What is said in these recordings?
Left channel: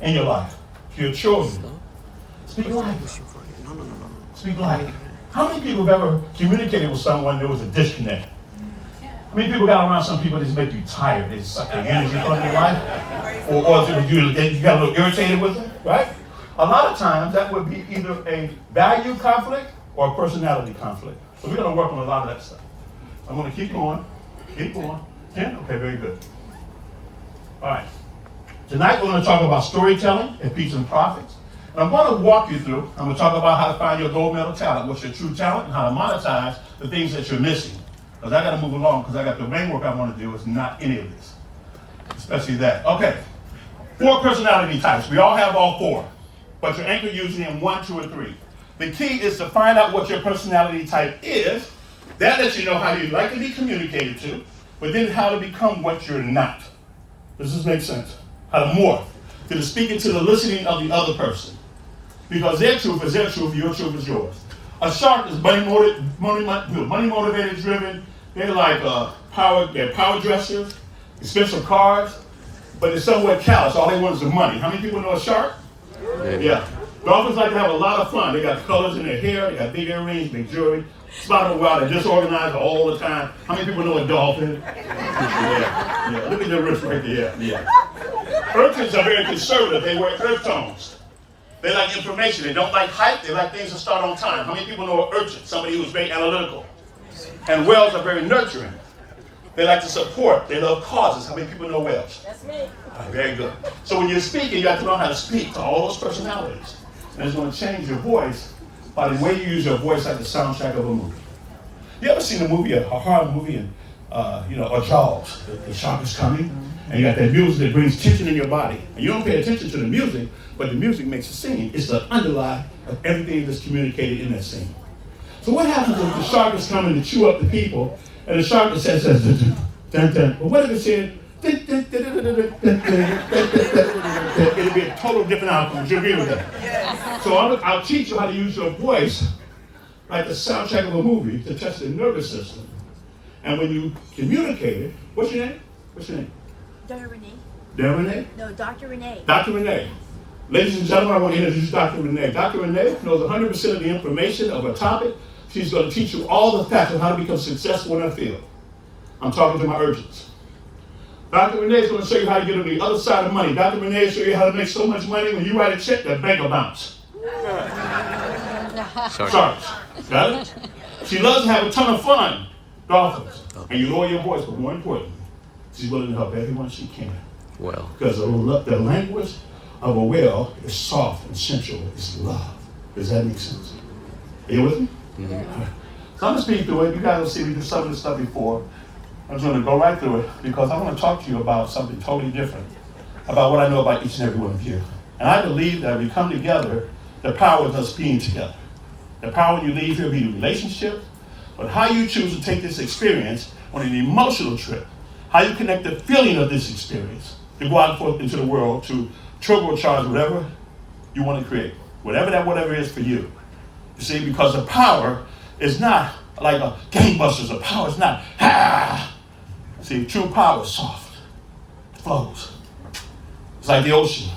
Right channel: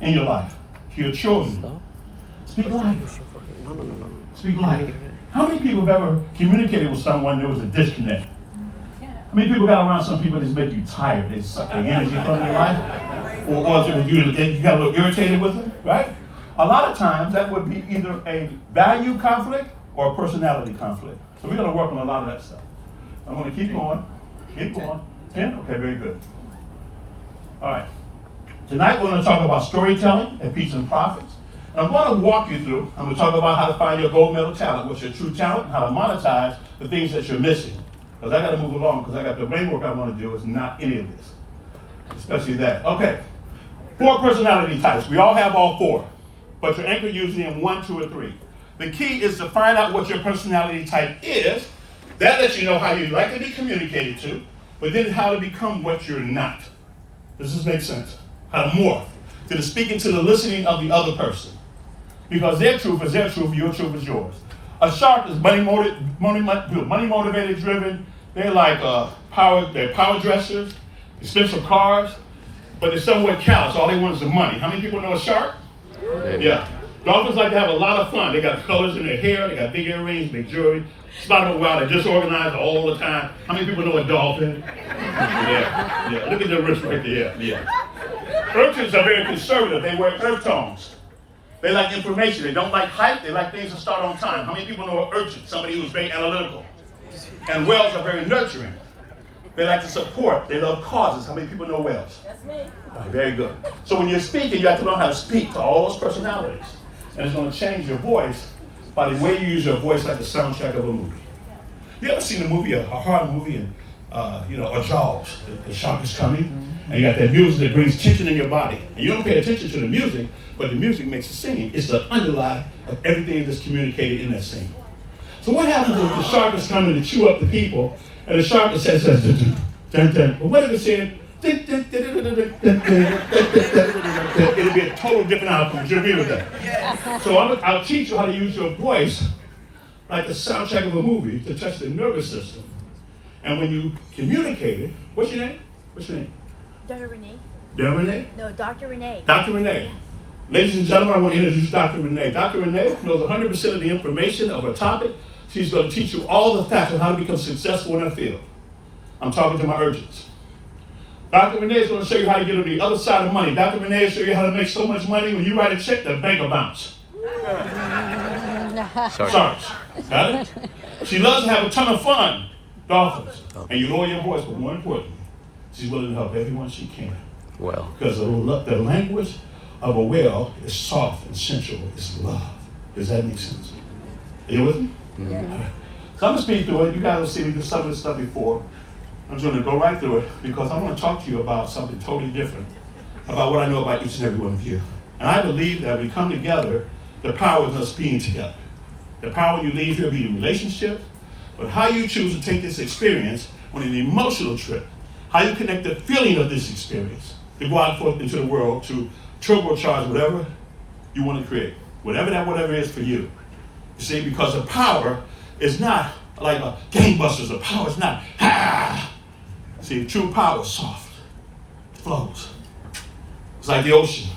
in your life, to your children. Speak life. Speak life. How many people have ever communicated with someone there was a disconnect? How many people got around some people that just make you tired? They suck the energy from your life? Or you got a little irritated with them, right? A lot of times that would be either a value conflict or a personality conflict. So we're going to work on a lot of that stuff. I'm going to keep going. Keep going. 10? Okay, very good. All right. Tonight we're going to talk about storytelling and peace and profits. And I'm going to walk you through, I'm going to talk about how to find your gold medal talent, what's your true talent, and how to monetize the things that you're missing. Because I got to move along, because I got the main work I want to do is not any of this. Especially that. Okay. 4 personality types. We all have all 4. But you're anchored usually in 1, 2, or 3. The key is to find out what your personality type is. That lets you know how you like to be communicated to, but then how to become what you're not. Does this make sense? How to morph. To the speaking to the listening of the other person. Because their truth is their truth, your truth is yours. A shark is money motivated, driven. They're like they're power dressers, expensive cars, but they're somewhat callous. All they want is the money. How many people know a shark? Yeah. Dolphins like to have a lot of fun. They got colors in their hair, they got big earrings, big jewelry. Spot them a while, they're disorganized all the time. How many people know a dolphin? Yeah. Look at the wrist right there. Yeah. Urchins are very conservative. They wear earth tones. They like information. They don't like hype. They like things to start on time. How many people know an urchin? Somebody who's very analytical. And whales are very nurturing. They like to support. They love causes. How many people know whales? That's me. Very good. So when you're speaking, you have to learn how to speak to all those personalities. And it's going to change your voice by the way you use your voice like the soundtrack of a movie. You ever seen a movie, a horror movie, and a Jaws, the shark is coming, and you got that music that brings tension in your body. And you don't pay attention to the music, but the music makes the scene. It's the underlie of everything that's communicated in that scene. So what happens if the shark is coming to chew up the people, and the shark says, dun, dun. But what if it said, it'll be a total different outcome. Would you agree with that? So I'll teach you how to use your voice like the soundtrack of a movie to touch the nervous system. And when you communicate it, what's your name? Dr. Renee. Dr. Renee? No, Dr. Renee. Dr. Renee. Ladies and gentlemen, I want to introduce Dr. Renee. Dr. Renee knows 100% of the information of a topic. She's going to teach you all the facts on how to become successful in that field. I'm talking to my urgents. Dr. Renee is going to show you how to get on the other side of money. Dr. Renee will show you how to make so much money when you write a check, the bank will bounce. Sorry. Got it? She loves to have a ton of fun, dolphins. And you lower your voice, but more importantly, she's willing to help everyone she can. Well. Because the language of a whale is soft and sensual. It's love. Does that make sense? Are you with me? Mm-hmm. So I'm going to speak through it. You guys will see me do some of this stuff before. I'm just going to go right through it because I want to talk to you about something totally different, about what I know about each and every one of you. And I believe that we come together, the power of us being together. The power when you leave here will be the relationship, but how you choose to take this experience on an emotional trip, how you connect the feeling of this experience to go out forth into the world to turbocharge whatever you want to create, whatever that whatever is for you. You see, because the power is not like a gangbusters. The power is not, See, true power is soft. It flows. It's like the ocean.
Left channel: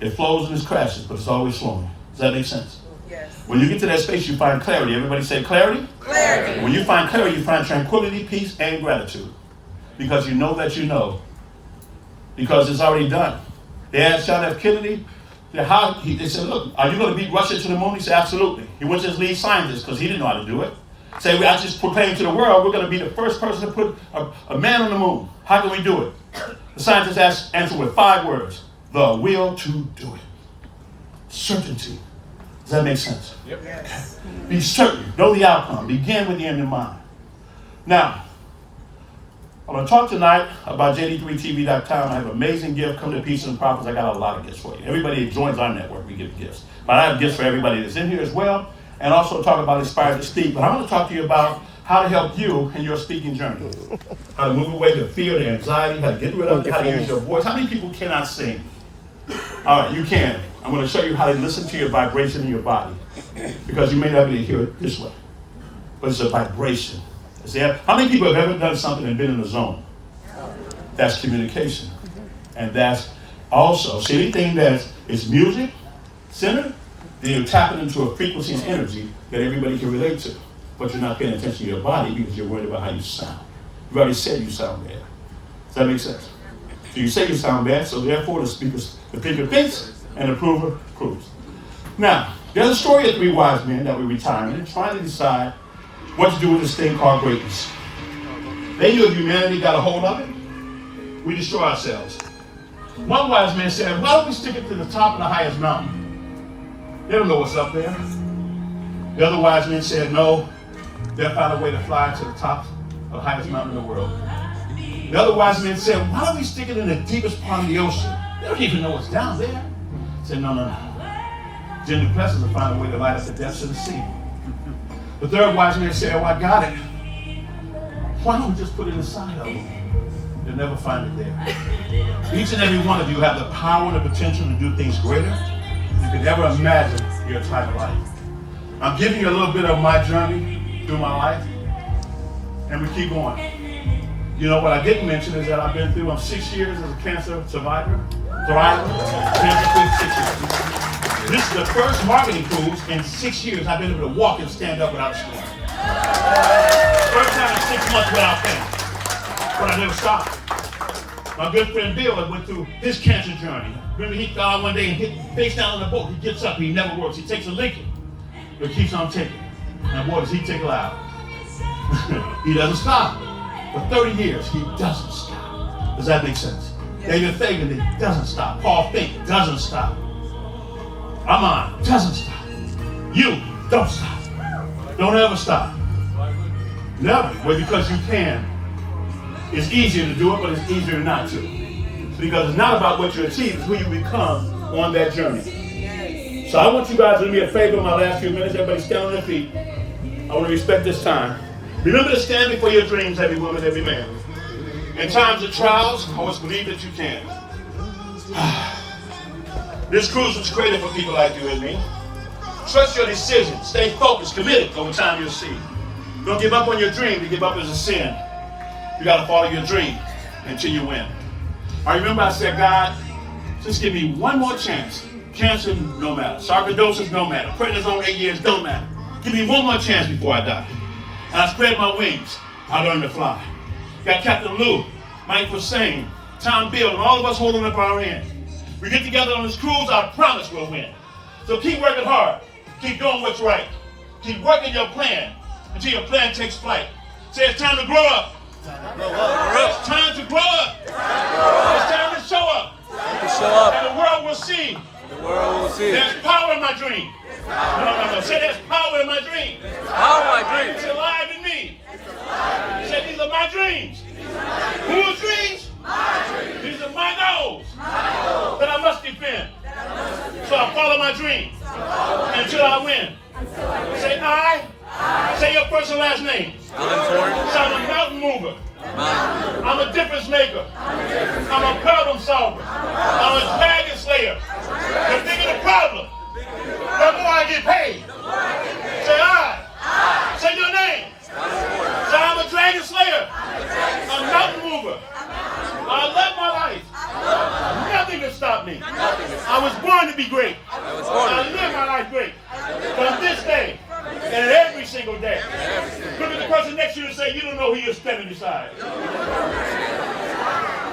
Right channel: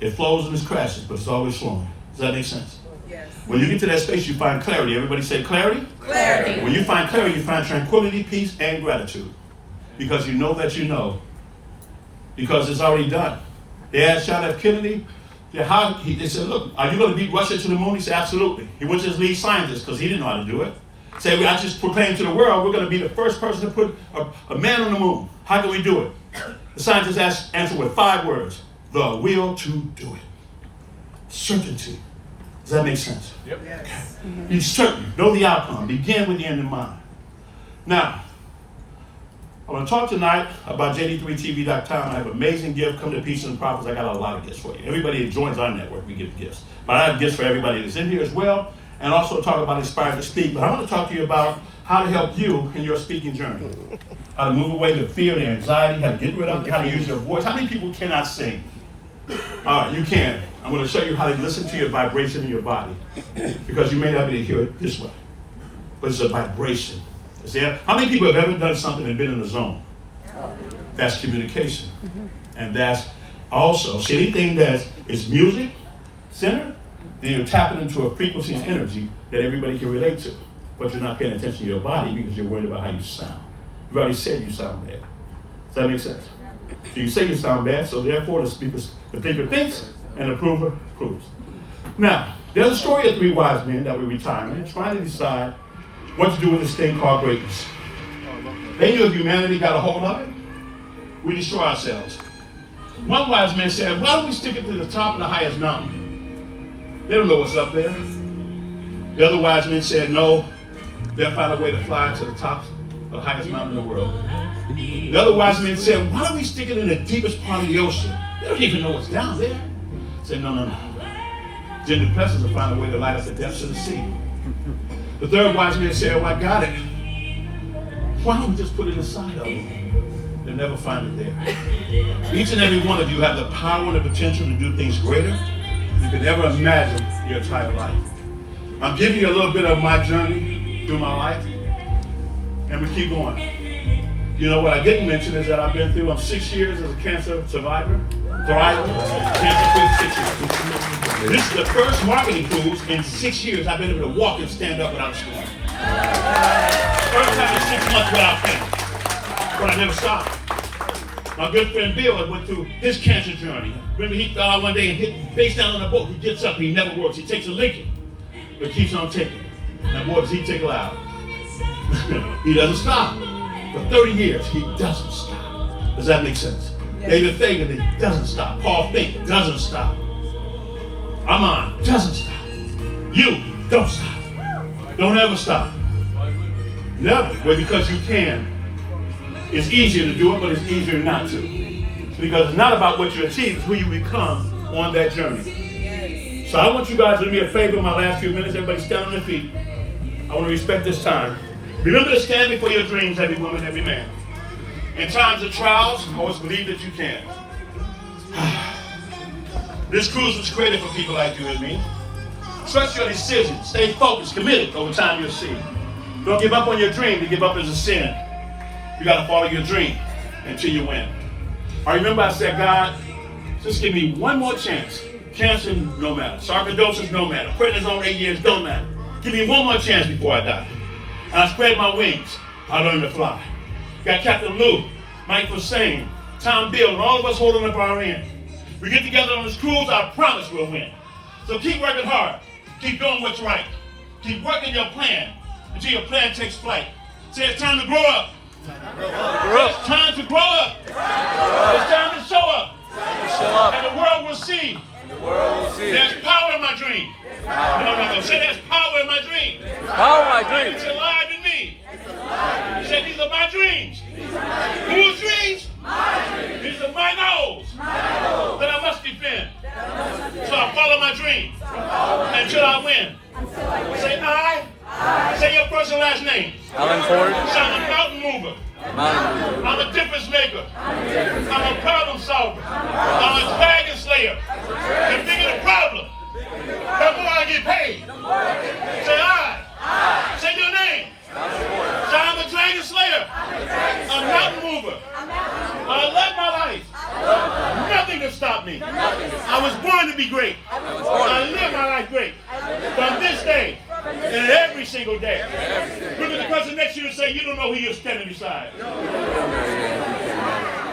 It flows and it crashes, but it's always flowing. Does that make sense? Yes. When you get to that space, you find clarity. Everybody say clarity? Clarity. When you find clarity, you find tranquility, peace, and gratitude. Because you know that you know. Because it's already done. They asked John F. Kennedy, they said, look, are you going to beat Russia to the moon? He said, absolutely. He was just lead scientist because he didn't know how to do it. Say, I just proclaimed to the world, we're going to be the first person to put a man on the moon. How can we do it? The scientist answered with 5 words. The will to do it. Certainty. Does that make sense? Yep. Yes. Be certain. Know the outcome. Begin with the end in mind. Now, I'm going to talk tonight about JD3TV.com. I have an amazing gift. Come to Peace and Profits. I got a lot of gifts for you. Everybody that joins our network, we give gifts. But I have gifts for everybody that's in here as well. And also talk about Inspired to Speak. But I want to talk to you about how to help you in your speaking journey. How to move away the fear, the anxiety, how to get rid of it, how to use your voice. How many people cannot sing? All right, you can. I'm going to show you how to listen to your vibration in your body. Because you may not be able to hear it this way. But it's a vibration. See, how many people have ever done something and been in a zone? That's communication. And that's Also, see anything that is music centered, then you're tapping into a frequency and energy that everybody can relate to. But you're not paying attention to your body because you're worried about how you sound. You've already said you sound bad. Does that make sense? So you say you sound bad, so therefore the thinker thinks and the prover proves. Now, there's a story of 3 wise men that were retiring and trying to decide what to do with this thing called greatness. They knew if humanity got a hold of it, we destroy ourselves. One wise man said, why don't we stick it to the top of the highest mountain? They don't know what's up there. The other wise men said, no, they'll find a way to fly to the top of the highest mountain in the world. The other wise men said, why don't we stick it in the deepest part of the ocean? They don't even know what's down there. They said, no. Jim Duplessis will find a way to light up the depths of the sea. The third wise man said, oh, I got it. Why don't we just put it inside of them? They'll never find it there. Each and every one of you have the power and the potential to do things greater than you could ever imagine in your entire life. I'm giving you a little bit of my journey through my life, and we keep going. You know, what I didn't mention is that I've been through 6 years as a cancer survivor, cancer-free 6 years. This is the first marketing cruise in 6 years I've been able to walk and stand up without a scar. First time in 6 months without pain, but I never stopped. My good friend Bill went through his cancer journey. Remember, he fell out one day and hit face down on the boat. He gets up, he never works. He takes a licking, but keeps on taking. And boy, does he take loud. He doesn't stop. For 30 years, he doesn't stop. Does that make sense? David Fagan, he doesn't stop. Paul Fink doesn't stop. Amon doesn't stop. You don't stop. Don't ever stop. Never. Well, because you can. It's easier to do it, but it's easier not to. Because it's not about what you achieve, it's who you become on that journey. So I want you guys to do me a favor in my last few minutes. Everybody stand on their feet. I want to respect this time. Remember to stand before your dreams, every woman, every man. In times of trials, always believe that you can. This cruise was created for people like you and me. Trust your decisions. Stay focused, committed. Over time, you'll see. Don't give up on your dream. To give up is a sin. You got to follow your dream until you win. I remember I said, God, just give me one more chance. Cancer, no matter. Sarcoidosis, no matter. Prednisone, 8 years, don't matter. Give me one more chance before I die. And I spread my wings. I learned to fly. Got Captain Lou, Mike Hussein, Tom Bill, and all of us holding up our hands. We get together on this cruise, I promise we'll win. So keep working hard. Keep doing what's right. Keep working your plan until your plan takes flight. Say it's time to grow up. It's time to grow up. It's time to show up. And the world will see. There's power in my dream. No. Say there's power in my dream. Power in my dreams. It's alive in me. Say these are my dreams. Whose dreams? These are my goals that I must defend. So I follow my dream until I win. Say I. Say your first and last name. Alan Ford. So I'm a mountain mover. I'm a difference maker. I'm a problem solver. I'm a dragon slayer. The bigger the problem, the more I get paid. Say I. Say your name. Alan Ford. Say I'm a dragon slayer. A mountain mover. I love my life. Nothing can stop me. I was born to be great. I live my life great. From this day and every single day. Look at the person next to you and say, you don't know who you're standing beside.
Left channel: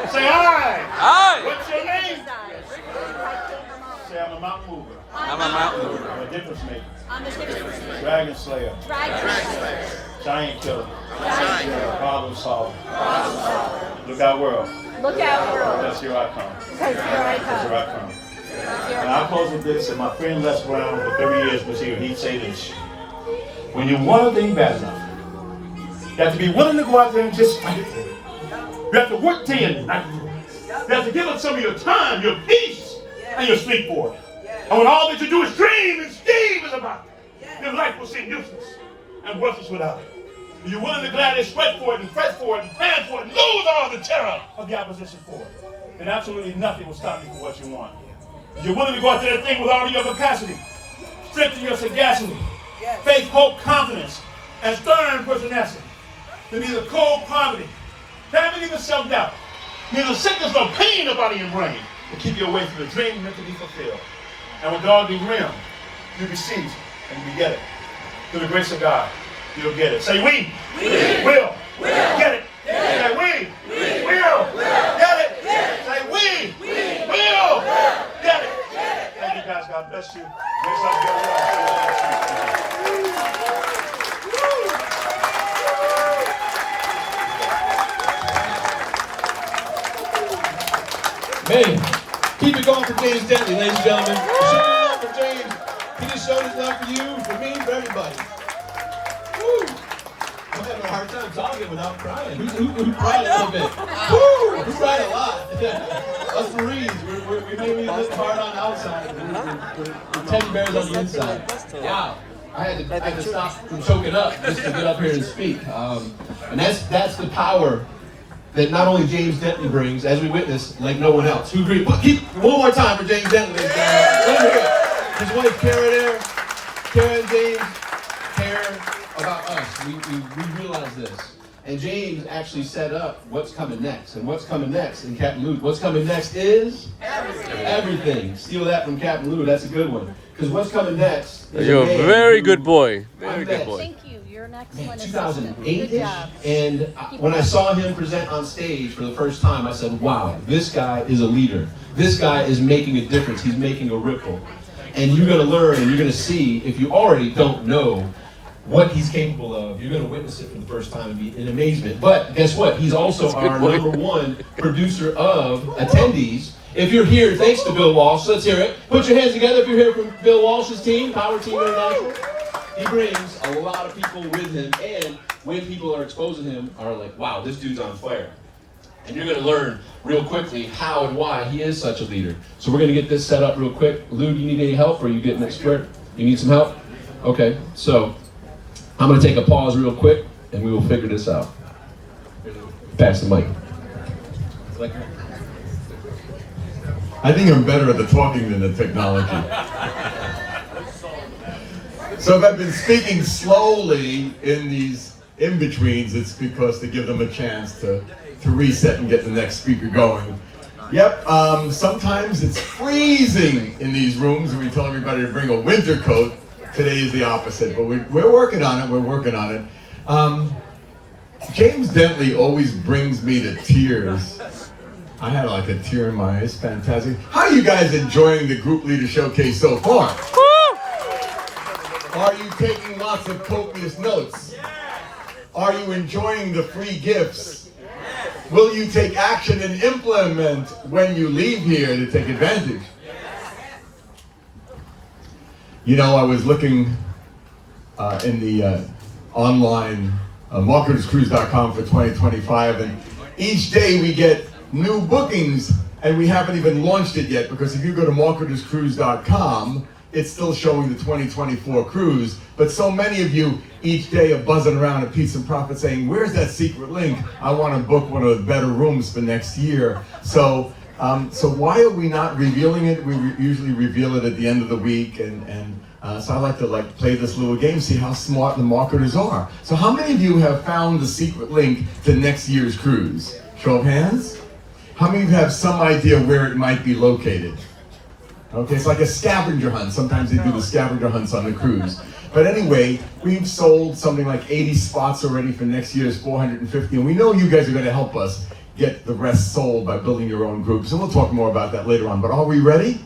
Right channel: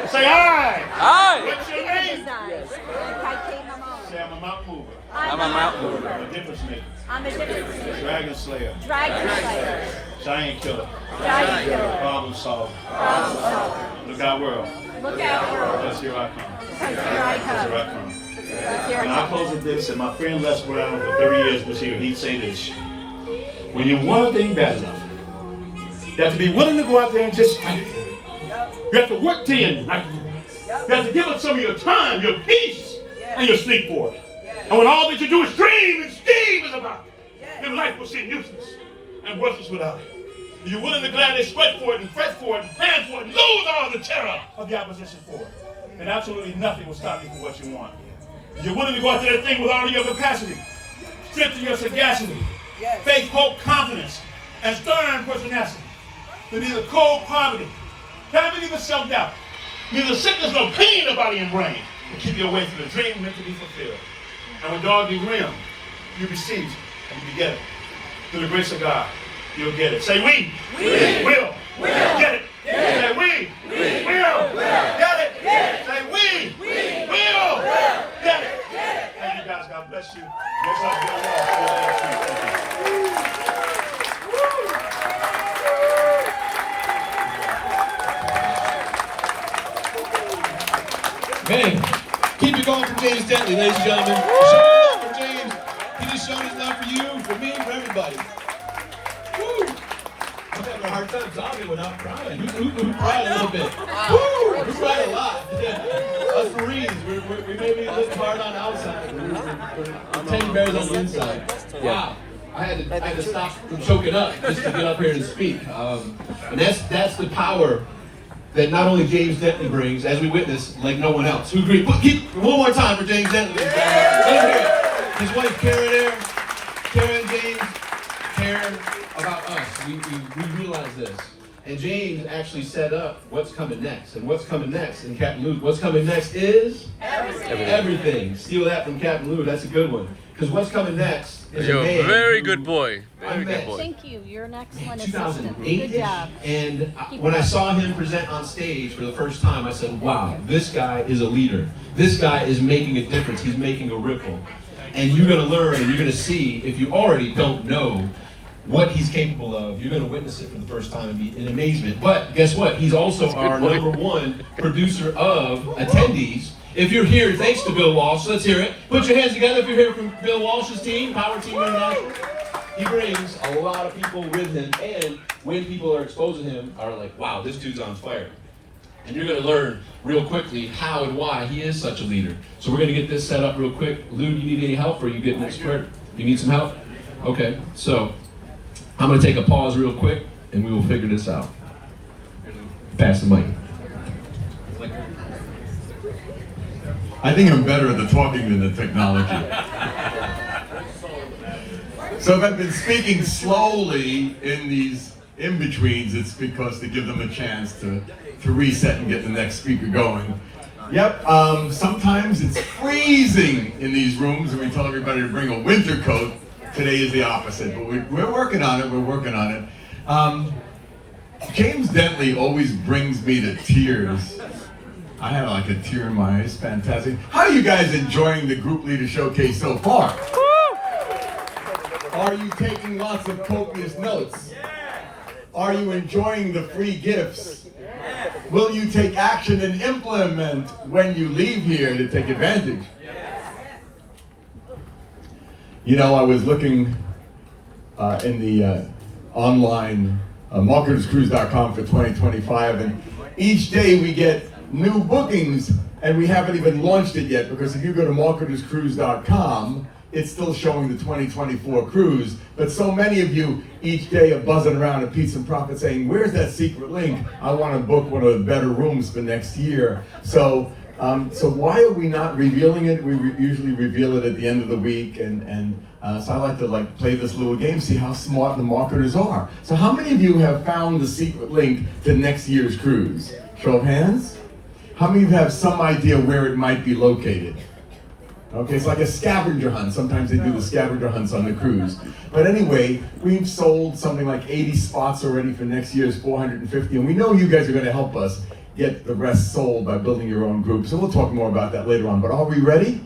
Say I. What's your name? Say I'm a mountain mover. I'm a mountain mover. I'm a difference maker. I'm a difference maker. Dragon slayer. Dragon slayer. Giant killer. Giant killer. Problem solver. Problem solver. Look out world. Look out, world. That's here I come. Because here I That's come. here I come. Because here And I I'll close with this, and my friend Les Brown for 30 years was here. He'd say this. When you want a thing bad enough, you have to be willing to go out there and just fight it for it. You have to work day and night. You have to give up some of your time, your peace, and your sleep for it. And when all that you do is dream and scheme is about it, then life will seem useless and worthless without it. You're willing to gladly sweat for it and fret for it and plan for it and lose all the terror of the opposition for it. And absolutely nothing will stop you from what you want. You're willing to go out there and think with all of your capacity, strengthen your sagacity, faith, hope, confidence, and stern pertinacity. To neither cold poverty, having neither self-doubt, neither sickness nor pain of body and brain to keep you away from the dream meant to be fulfilled. And when God be rim, you receive it and you get it. Through the grace of God, you'll get it. Say we will get it. Say we will get it. Say we will get it. Thank you guys. God bless you. Next up, Bill Wall. Man, keep it going for James Dentley, ladies and gentlemen. Show your love for James. He just showed his love for you, for me, for everybody. Woo! I'm having a hard time talking without crying. Who cried a little bit? Woo! Who cried a lot? Us Marines, we maybe look hard on the outside, we're 10 bears on the inside. Wow. I had to stop from choking up just to get up here and speak. And that's the power that not only James Dentley brings, as we witness, like no one else. Who agrees? Keep one more time for James Dentley. Over here. His wife Kara there. Kara and James care about us. We realize this. And James actually set up what's coming next. And what's coming next in Captain Luke? What's coming next is everything. Steal that from Captain Luke. That's a good one. Because what's coming next is You're a a man very who good boy. I Very met. good boy. Thank you. You're an excellent assistant. 2008-ish, Good job. and when I saw him present on stage for the first time, I said, wow, this guy is a leader. This guy is making a difference. He's making a ripple. And you're going to learn and you're going to see, if you already don't know what he's capable of, you're going to witness it for the first time and be in amazement. But guess what? He's also our #1 producer of attendees. If you're here, thanks to Bill Walsh, let's hear it. Put your hands together if you're here from Bill Walsh's team, Power Team International. He brings a lot of people with him, and when people are exposed to him, are like, wow, this dude's on fire. And you're going to learn real quickly how and why he is such a leader. So we're going to get this set up real quick. Lou, do you need any help, or are you getting it squared? You need some help? Okay, so I'm going to take a pause real quick, and we will figure this out. Pass the mic. I think I'm better at the talking than the technology. So if I've been speaking slowly in these in-betweens, it's because to give them a chance to reset and get the next speaker going. Yep, sometimes it's freezing in these rooms and we tell everybody to bring a winter coat. Today is the opposite, but we're working on it, James Dentley always brings me to tears. I had like a tear in my eye. It's fantastic. How are you guys enjoying the Group Leader Showcase so far? Are you taking lots of copious notes? Are you enjoying the free gifts? Will you take action and implement when you leave here to take advantage? You know, I was looking in the online marketerscruise.com for 2025, and each day we get new bookings, and we haven't even launched it yet, because if you go to marketerscruise.com, it's still showing the 2024 cruise, but so many of you each day are buzzing around at Peace and Profit saying, where's that secret link? I want to book one of the better rooms for next year. So why are we not revealing it? We usually reveal it at the end of the week, and so I like to play this little game, see how smart the marketers are. So how many of you have found the secret link to next year's cruise? Show of hands. How many of you have some idea where it might be located? Okay, it's like a scavenger hunt. Sometimes they do the scavenger hunts on the cruise. But anyway, we've sold something like 80 spots already for next year's 450, and we know you guys are going to help us get the rest sold by building your own group. So we'll talk more about that later on. But are we ready?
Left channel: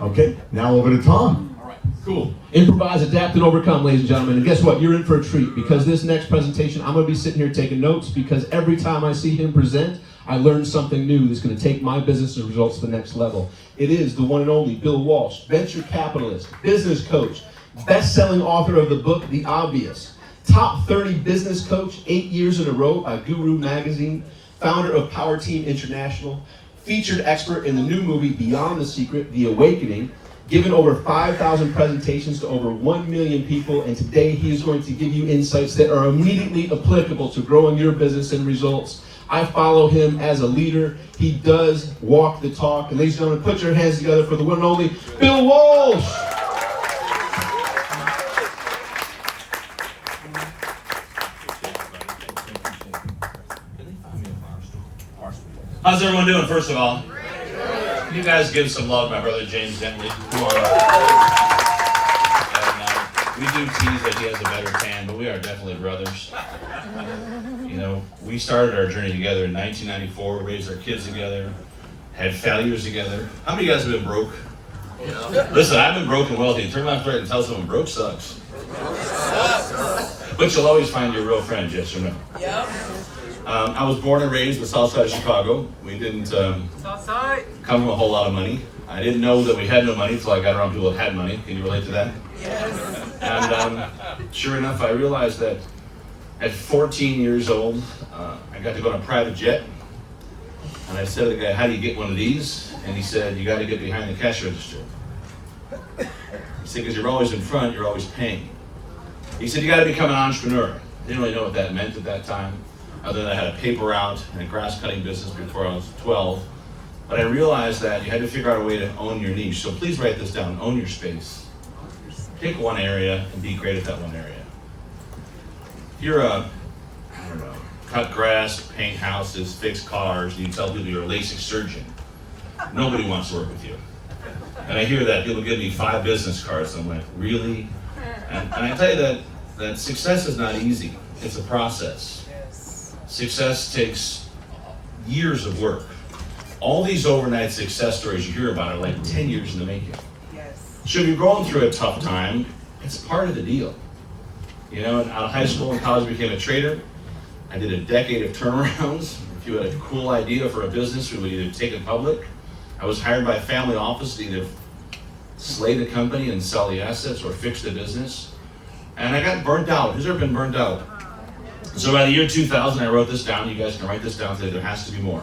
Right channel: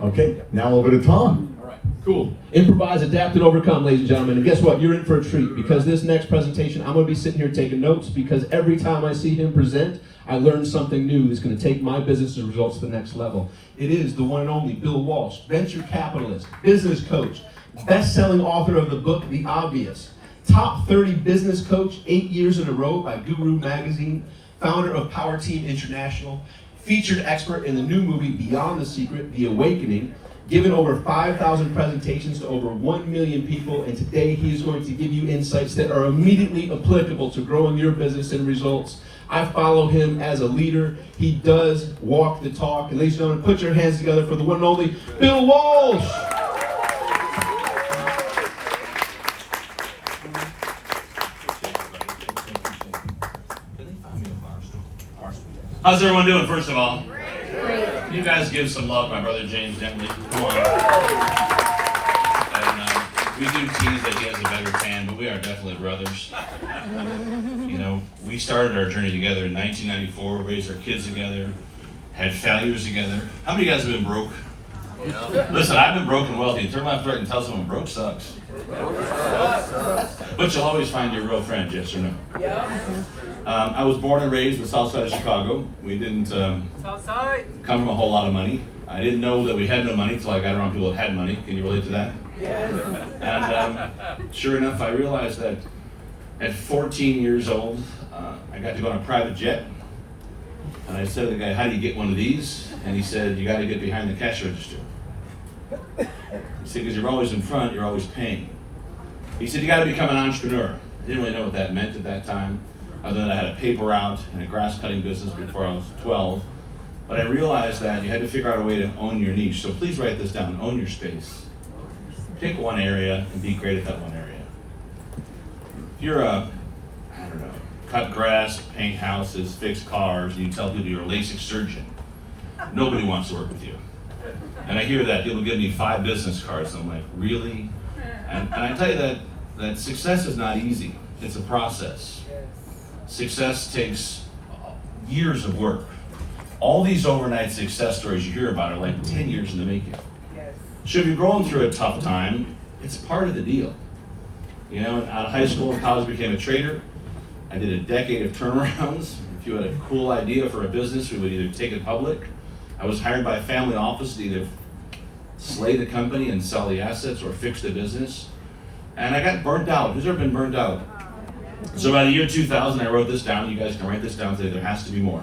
Okay, now over to Tom. All right, cool. Improvise, adapt, and overcome, ladies and gentlemen. And guess what? You're in for a treat, because this next presentation, I'm going to be sitting here taking notes, because every time I see him present, I learn something new that's going to take my business results to the next level. It is the one and only Bill Walsh, venture capitalist, business coach, best-selling author of the book, The Obvious, top 30 business coach 8 years in a row by Guru Magazine, founder of Power Team International, featured expert in the new movie Beyond the Secret, The Awakening, given over 5,000 presentations to over 1 million people, and today he is going to give you insights that are immediately applicable to growing your business and results. I follow him as a leader. He does walk the talk. And ladies and gentlemen, put your hands together for the one and only Bill Walsh. How's everyone doing, first of all? Can you guys give some love to my brother James Dentley? Come on. And we do tease that he has a better tan, but we are definitely brothers. You know, we started our journey together in 1994, raised our kids together, had failures together. How many of you guys have been broke? Listen, I've been broke and wealthy. Turn my friend and tell someone broke sucks. But you'll always find your real friend, yes or no? I was born and raised in the south side of Chicago. We didn't come from a whole lot of money. I didn't know that we had no money until I got around people that had money. Can you relate to that? Yes. And sure enough, I realized that at 14 years old, I got to go on a private jet. And I said to the guy, how do you get one of these? And he said, you got to get behind the cash register. He said, because you're always in front, you're always paying. He said, you got to become an entrepreneur. I didn't really know what that meant at that time, other than I had a paper route and a grass cutting business before I was 12. But I realized that you had to figure out a way to own your niche. So please write this down, own your space. Pick one area and be great at that one area. If you're cut grass, paint houses, fix cars, and you tell people you're a LASIK surgeon, nobody wants to work with you. And I hear that, people give me 5 business cards, and I'm like, really? And I tell you that success is not easy, it's a process. Success takes years of work. All these overnight success stories you hear about are like 10 years in the making. So if you're going through a tough time, it's part of the deal. You know, out of high school and college, became a trader. I did a decade of turnarounds. If you had a cool idea for a business, we would either take it public. I was hired by a family office to either slay the company and sell the assets or fix the business. And I got burnt out. Who's ever been burnt out? So by the year 2000, I wrote this down. You guys can write this down today. There has to be more.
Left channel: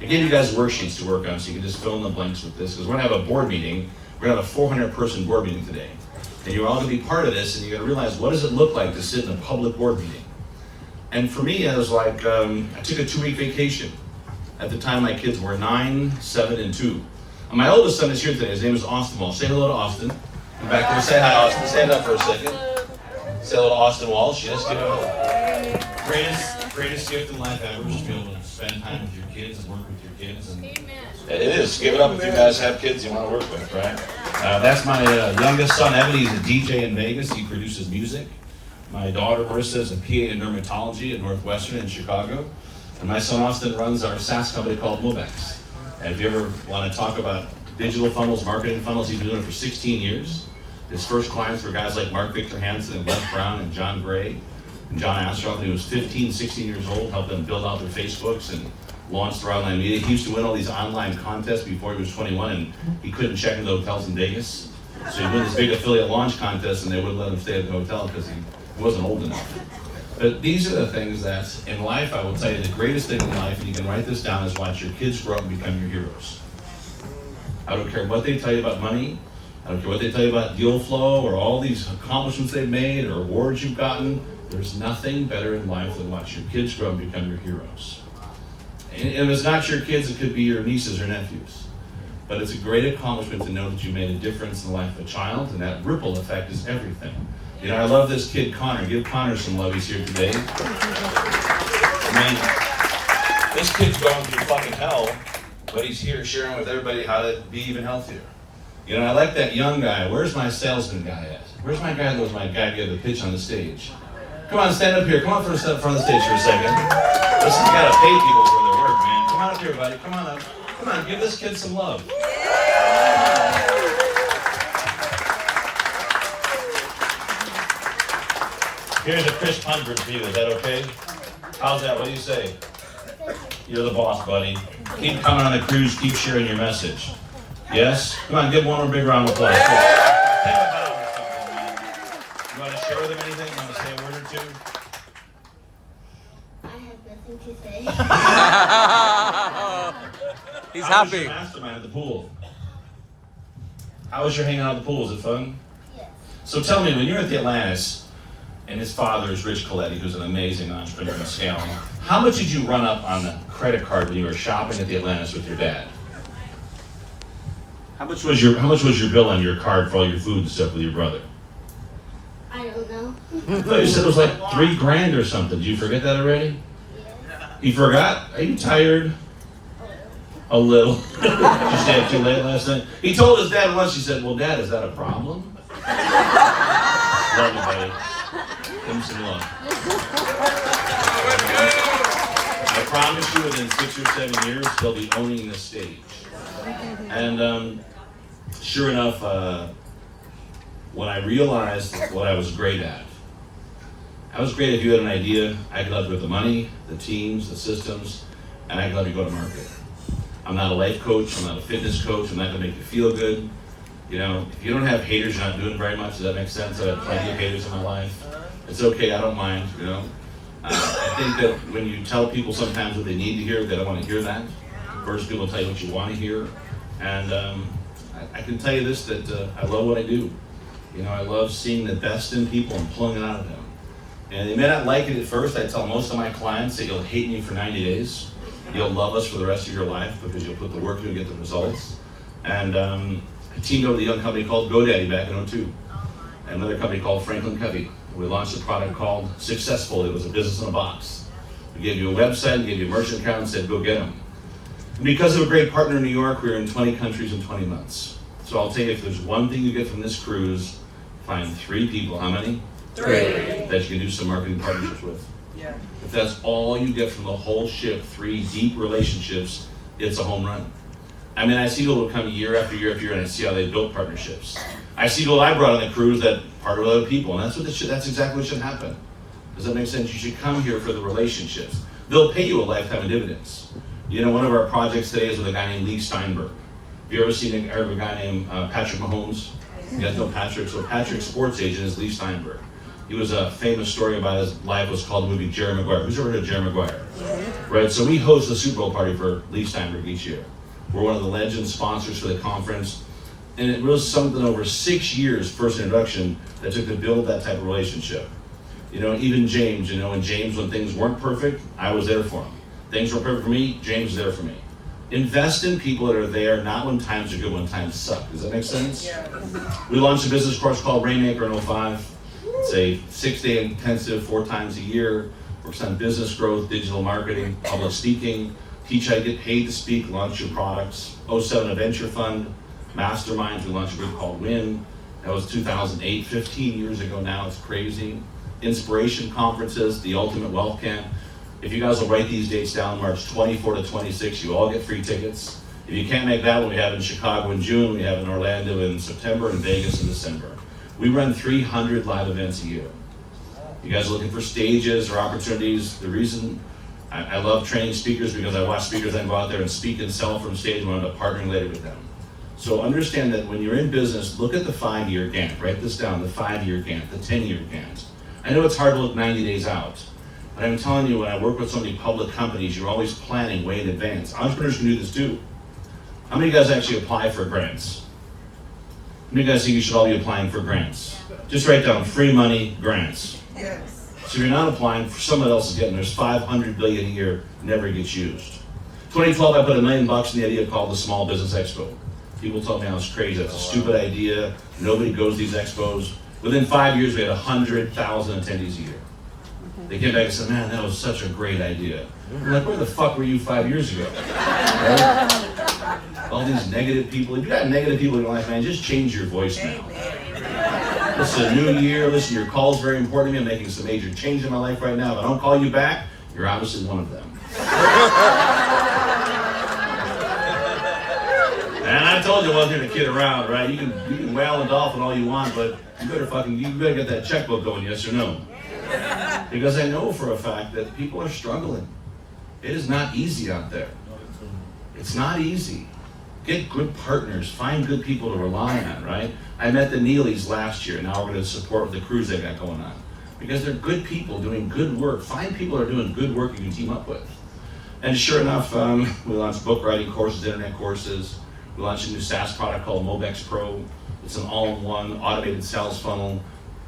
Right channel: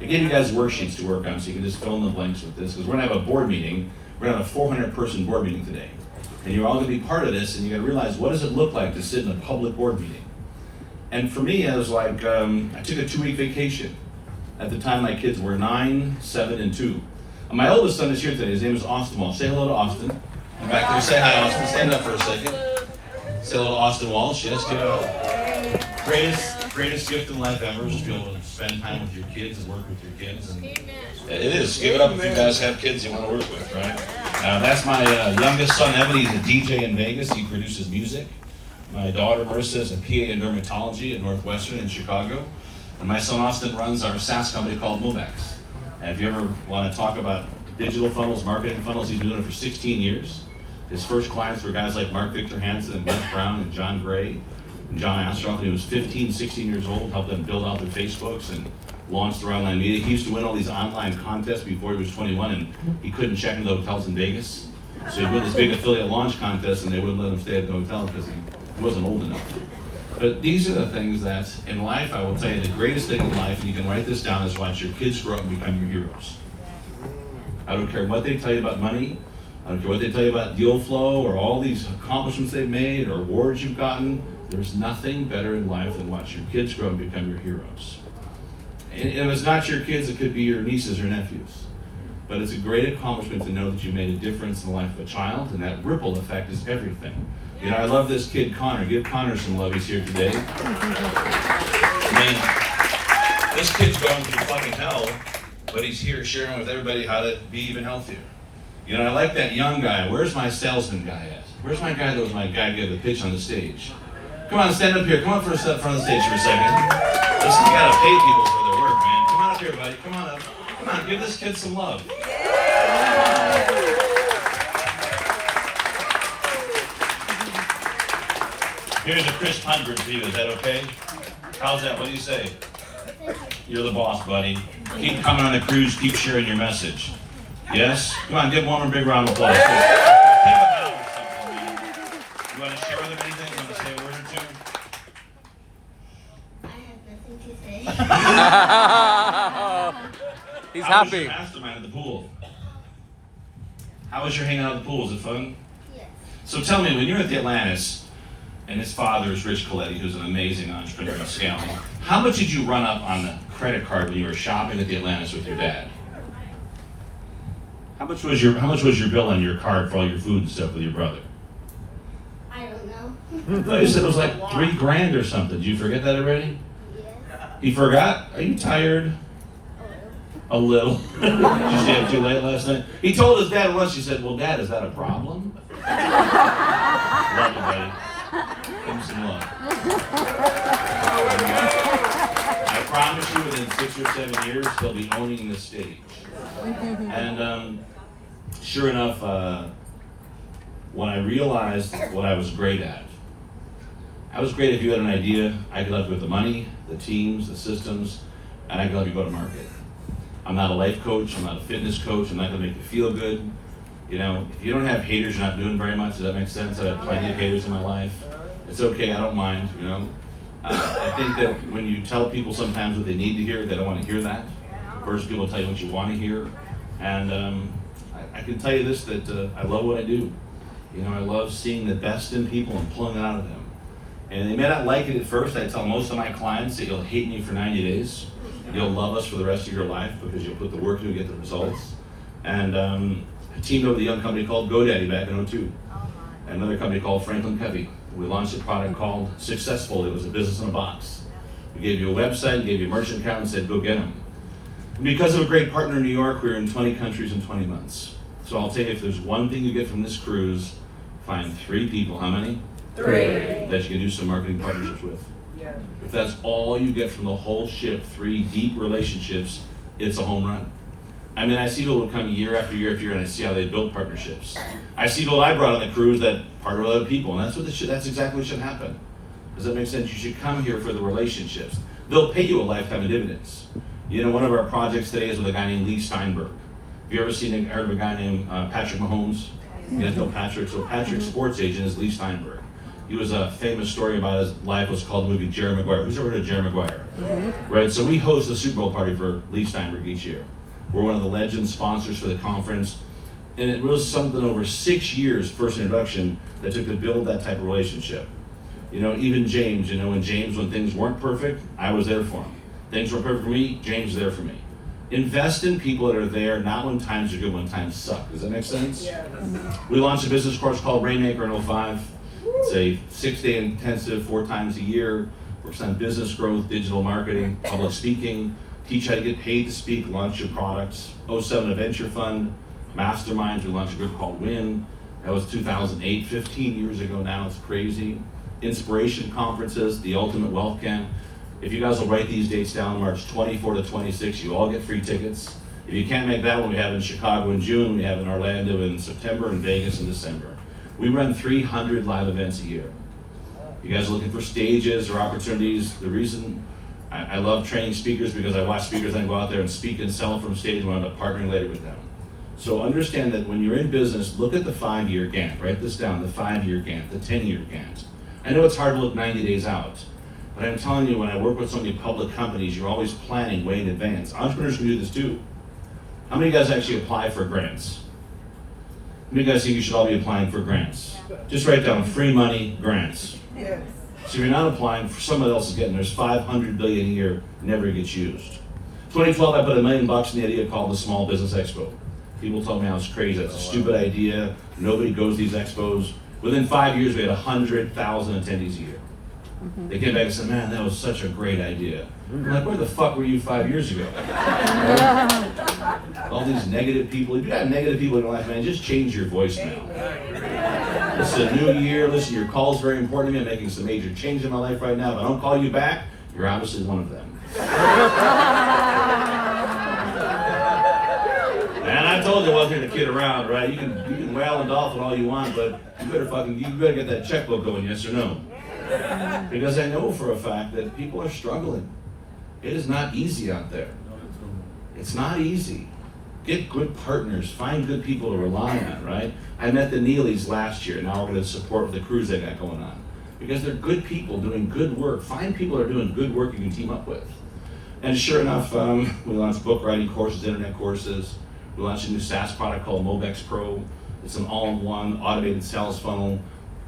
I gave you guys worksheets to work on so you can just fill in the blanks with this, because we're going to have a board meeting. We're going to have a 400-person board meeting today. And you're all going to be part of this, and you're going to realize, what does it look like to sit in a public board meeting? And for me, I was like, I took a 2-week vacation. At the time, my kids were 9, 7, and 2. And my oldest son is here today. His name is Austin Walsh. Say hello to Austin. I'm back there. Say hi, Austin. Stand up for a second. Say hello to Austin Walsh. Yes, good. Greatest gift in life ever is to be able to spend time with your kids and work with your kids. And it is. Give it up if you guys have kids you want to work with, right? That's my youngest son, Evan. He's a DJ in Vegas. He produces music. My daughter, Marissa, is a PA in dermatology at Northwestern in Chicago. And my son, Austin, runs our SaaS company called Movex. And if you ever want to talk about digital funnels, marketing funnels, he's been doing it for 16 years. His first clients were guys like Mark Victor Hansen and Wes Brown and John Gray and John Astroff. When he was 15, 16 years old, helped them build out their Facebooks and launch their online media. He used to win all these online contests before he was 21, and he couldn't check into hotels in Vegas. So he'd win this big affiliate launch contest, and they wouldn't let him stay at the hotel because he wasn't old enough. But these are the things that, in life, I will tell you, the greatest thing in life, and you can write this down, is watch your kids grow up and become your heroes. I don't care what they tell you about money. I don't care what they tell you about deal flow or all these accomplishments they've made or awards you've gotten. There's nothing better in life than watch your kids grow and become your heroes. And if it's not your kids, it could be your nieces or nephews. But it's a great accomplishment to know that you made a difference in the life of a child, and that ripple effect is everything. You know, I love this kid, Connor. Give Connor some love. He's here today. I mean, this kid's going through fucking hell, but he's here sharing with everybody how to be even healthier. You know, I like that young guy. Where's my salesman guy at? Where's my guy that was my guy give the pitch on the stage? Come on, stand up here. Come on for front of the stage for a second. Listen, you gotta pay people for their work, man. Come on up here, buddy. Come on up. Come on, give this kid some love. Here's a crisp 100 for you. Is that okay? How's that? What do you say? You're the boss, buddy. Keep coming on the cruise. Keep sharing your message. Yes? Come on, give one more big round of applause. You want to share with them anything? You want to say a word or two? I have nothing to say. He's How was happy. your mastermind at the pool? How was your hanging out at the pool? Was it fun? Yes. So tell me, when you were at the Atlantis, and his father is Rich Coletti, who's an amazing entrepreneur in scaling, how much did you run up on the credit card when you were shopping at the Atlantis with your dad? How much was your bill on your card for all your food and stuff with your brother? I don't know. I thought you said it was like $3,000 or something. Did you forget that already? Yes. You forgot? Are you tired? A little. Did you stay up too late last night? He told his dad once, he said, well, Dad, is that a problem? Love you, buddy. Give him some love. I promise you within 6 or 7 years, they'll be owning the stage. And sure enough, when I realized what I was great at, I was great if you had an idea. I could help you with the money, the teams, the systems, and I could help you go to market. I'm not a life coach, I'm not a fitness coach, I'm not gonna make you feel good. You know, if you don't have haters, you're not doing very much. Does that make sense? I have plenty of haters in my life. It's okay, I don't mind, you know. I think that when you tell people sometimes what they need to hear, they don't want to hear that. First, people tell you what you want to hear. And I can tell you this, that I love what I do. You know, I love seeing the best in people and pulling it out of them. And they may not like it at first. I tell most of my clients that you'll hate me for 90 days. You'll love us for the rest of your life because you'll put the work in and get the results. And I teamed over with a young company called GoDaddy back in 2002. And another company called Franklin Covey. We launched a product called Successful. It was a business in a box. We gave you a website, gave you a merchant account, and said, go get them. And because of a great partner in New York, we were in 20 countries in 20 months. So I'll tell you, if there's one thing you get from this cruise, find 3 people. How many? 3. That you can do some marketing partnerships with. Yeah. If that's all you get from the whole ship, 3 deep relationships, it's a home run. I mean, I see people come year after year after year, and I see how they built partnerships. I see people I brought on the cruise that partner with other people, and that's exactly what should happen. Does that make sense? You should come here for the relationships. They'll pay you a lifetime of dividends. You know, one of our projects today is with a guy named Lee Steinberg. Have you ever seen a guy named Patrick Mahomes? You guys know Patrick? So Patrick's sports agent is Lee Steinberg. He was a famous story about his life was called the movie Jerry Maguire. Who's ever heard of Jerry Maguire? Right, so we host the Super Bowl party for Lee Steinberg each year. We're one of the legend sponsors for the conference. And it was something over 6 years, first introduction, that took to build that type of relationship. You know, even James, when things weren't perfect, I was there for him. Things were perfect for me, James was there for me. Invest in people that are there, not when times are good, when times suck. Does that make sense? Yeah. We launched a business course called Rainmaker in 2005. It's a 6-day intensive, 4 times a year. Works on business growth, digital marketing, public speaking, teach how to get paid to speak, launch your products. 2007, a venture fund, masterminds. We launched a group called Win. That was 2008, 15 years ago now. It's crazy. Inspiration conferences, the Ultimate Wealth Camp. If you guys will write these dates down, March 24 to 26, you all get free tickets. If you can't make that one, we have it in Chicago in June, we have it in Orlando in September, and Vegas in December. We run 300 live events a year. You guys are looking for stages or opportunities. The reason I love training speakers because I watch speakers then go out there and speak and sell from stage and end up partnering later with them. So understand that when you're in business, look at the 5-year Gantt. Write this down, the 5-year Gantt, the 10-year Gantt. I know it's hard to look 90 days out, but I'm telling you, when I work with so many public companies, you're always planning way in advance. Entrepreneurs can do this too. How many of you guys actually apply for grants? How many of you guys think you should all be applying for grants? Just write down free money, grants. Yes. So if you're not applying, someone else is getting, there's $500 billion a year, never gets used. 2012, I put $1 million in the idea called the Small Business Expo. People told me I was crazy, that's a stupid idea, nobody goes to these expos. Within 5 years, we had 100,000 attendees a year. They came back and said, man, that was such a great idea. I'm like, where the fuck were you 5 years ago? Right? All these negative people. If you got negative people in your life, man, just change your voicemail. It's a new year. Listen, your call is very important to me. I'm making some major change in my life right now. If I don't call you back, you're obviously one of them. And I told you I wasn't here to kid around, right? You can wail and dolphin all you want, but you better get that checkbook going, yes or no? Because I know for a fact that people are struggling. It is not easy out there. It's not easy. Get good partners, find good people to rely on, right? I met the Neelys last year, now we're going to support the cruise they got going on. Because they're good people doing good work. Find people that are doing good work you can team up with. And sure enough, we launched book writing courses, internet courses. We launched a new SaaS product called Mobex Pro. It's an all-in-one automated sales funnel,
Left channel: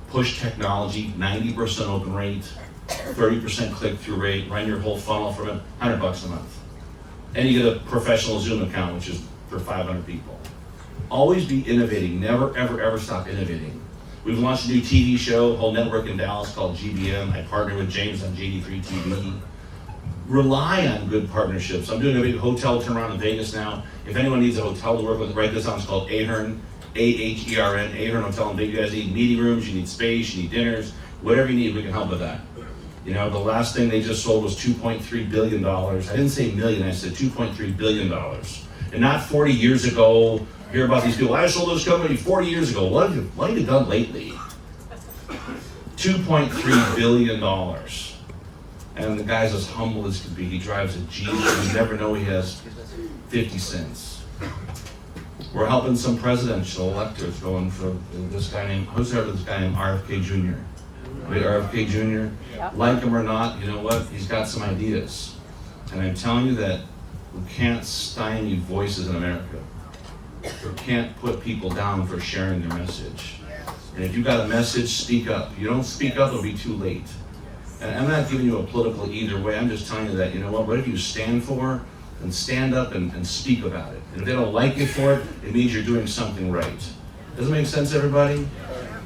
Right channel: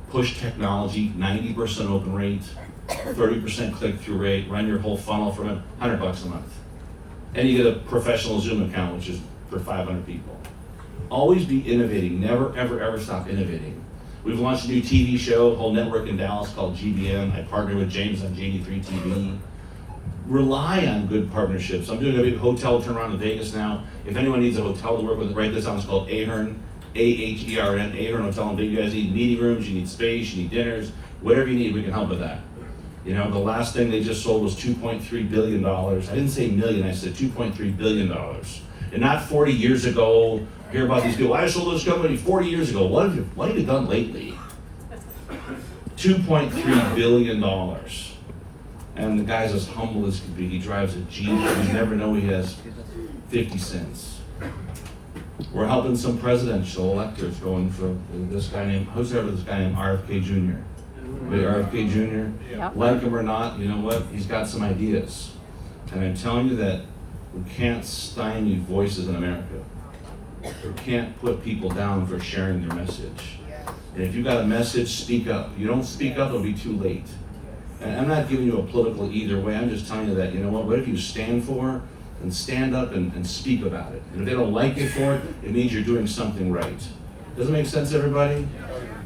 push technology, 90% open rate, 30% click-through rate, run your whole funnel from it, $100 a month. And you get a professional Zoom account, which is for 500 people. Always be innovating, never, ever, ever stop innovating. We've launched a new TV show, whole network in Dallas called GBM. I partnered with James on JD3 TV. rely on good partnerships. I'm doing a big hotel turnaround in Vegas now. If anyone needs a hotel to work with, write this down. It's called Ahern, A-H-E-R-N, Ahern Hotel in Vegas. You guys need meeting rooms, you need space, you need dinners, whatever you need, we can help with that. You know, the last thing they just sold was $2.3 billion. I didn't say million, I said $2.3 billion. And not 40 years ago, hear about these people, I sold this company 40 years ago. What have you done lately? $2.3 billion. And the guy's as humble as can be. He drives a Jeep, you never know he has 50 cents. We're helping some presidential electors going for this guy named, who's ever this guy named RFK Jr.? Right, RFK Jr.? Like him or not, you know what? He's got some ideas. And I'm telling you that we can't stymie voices in America. We can't put people down for sharing their message. And if you've got a message, speak up. If you don't speak up, it'll be too late. And I'm not giving you a political either way. I'm just telling you that, you know what if you stand for, and stand up and speak about it. And if they don't like it for it, it means you're doing something right. Does it make sense, everybody?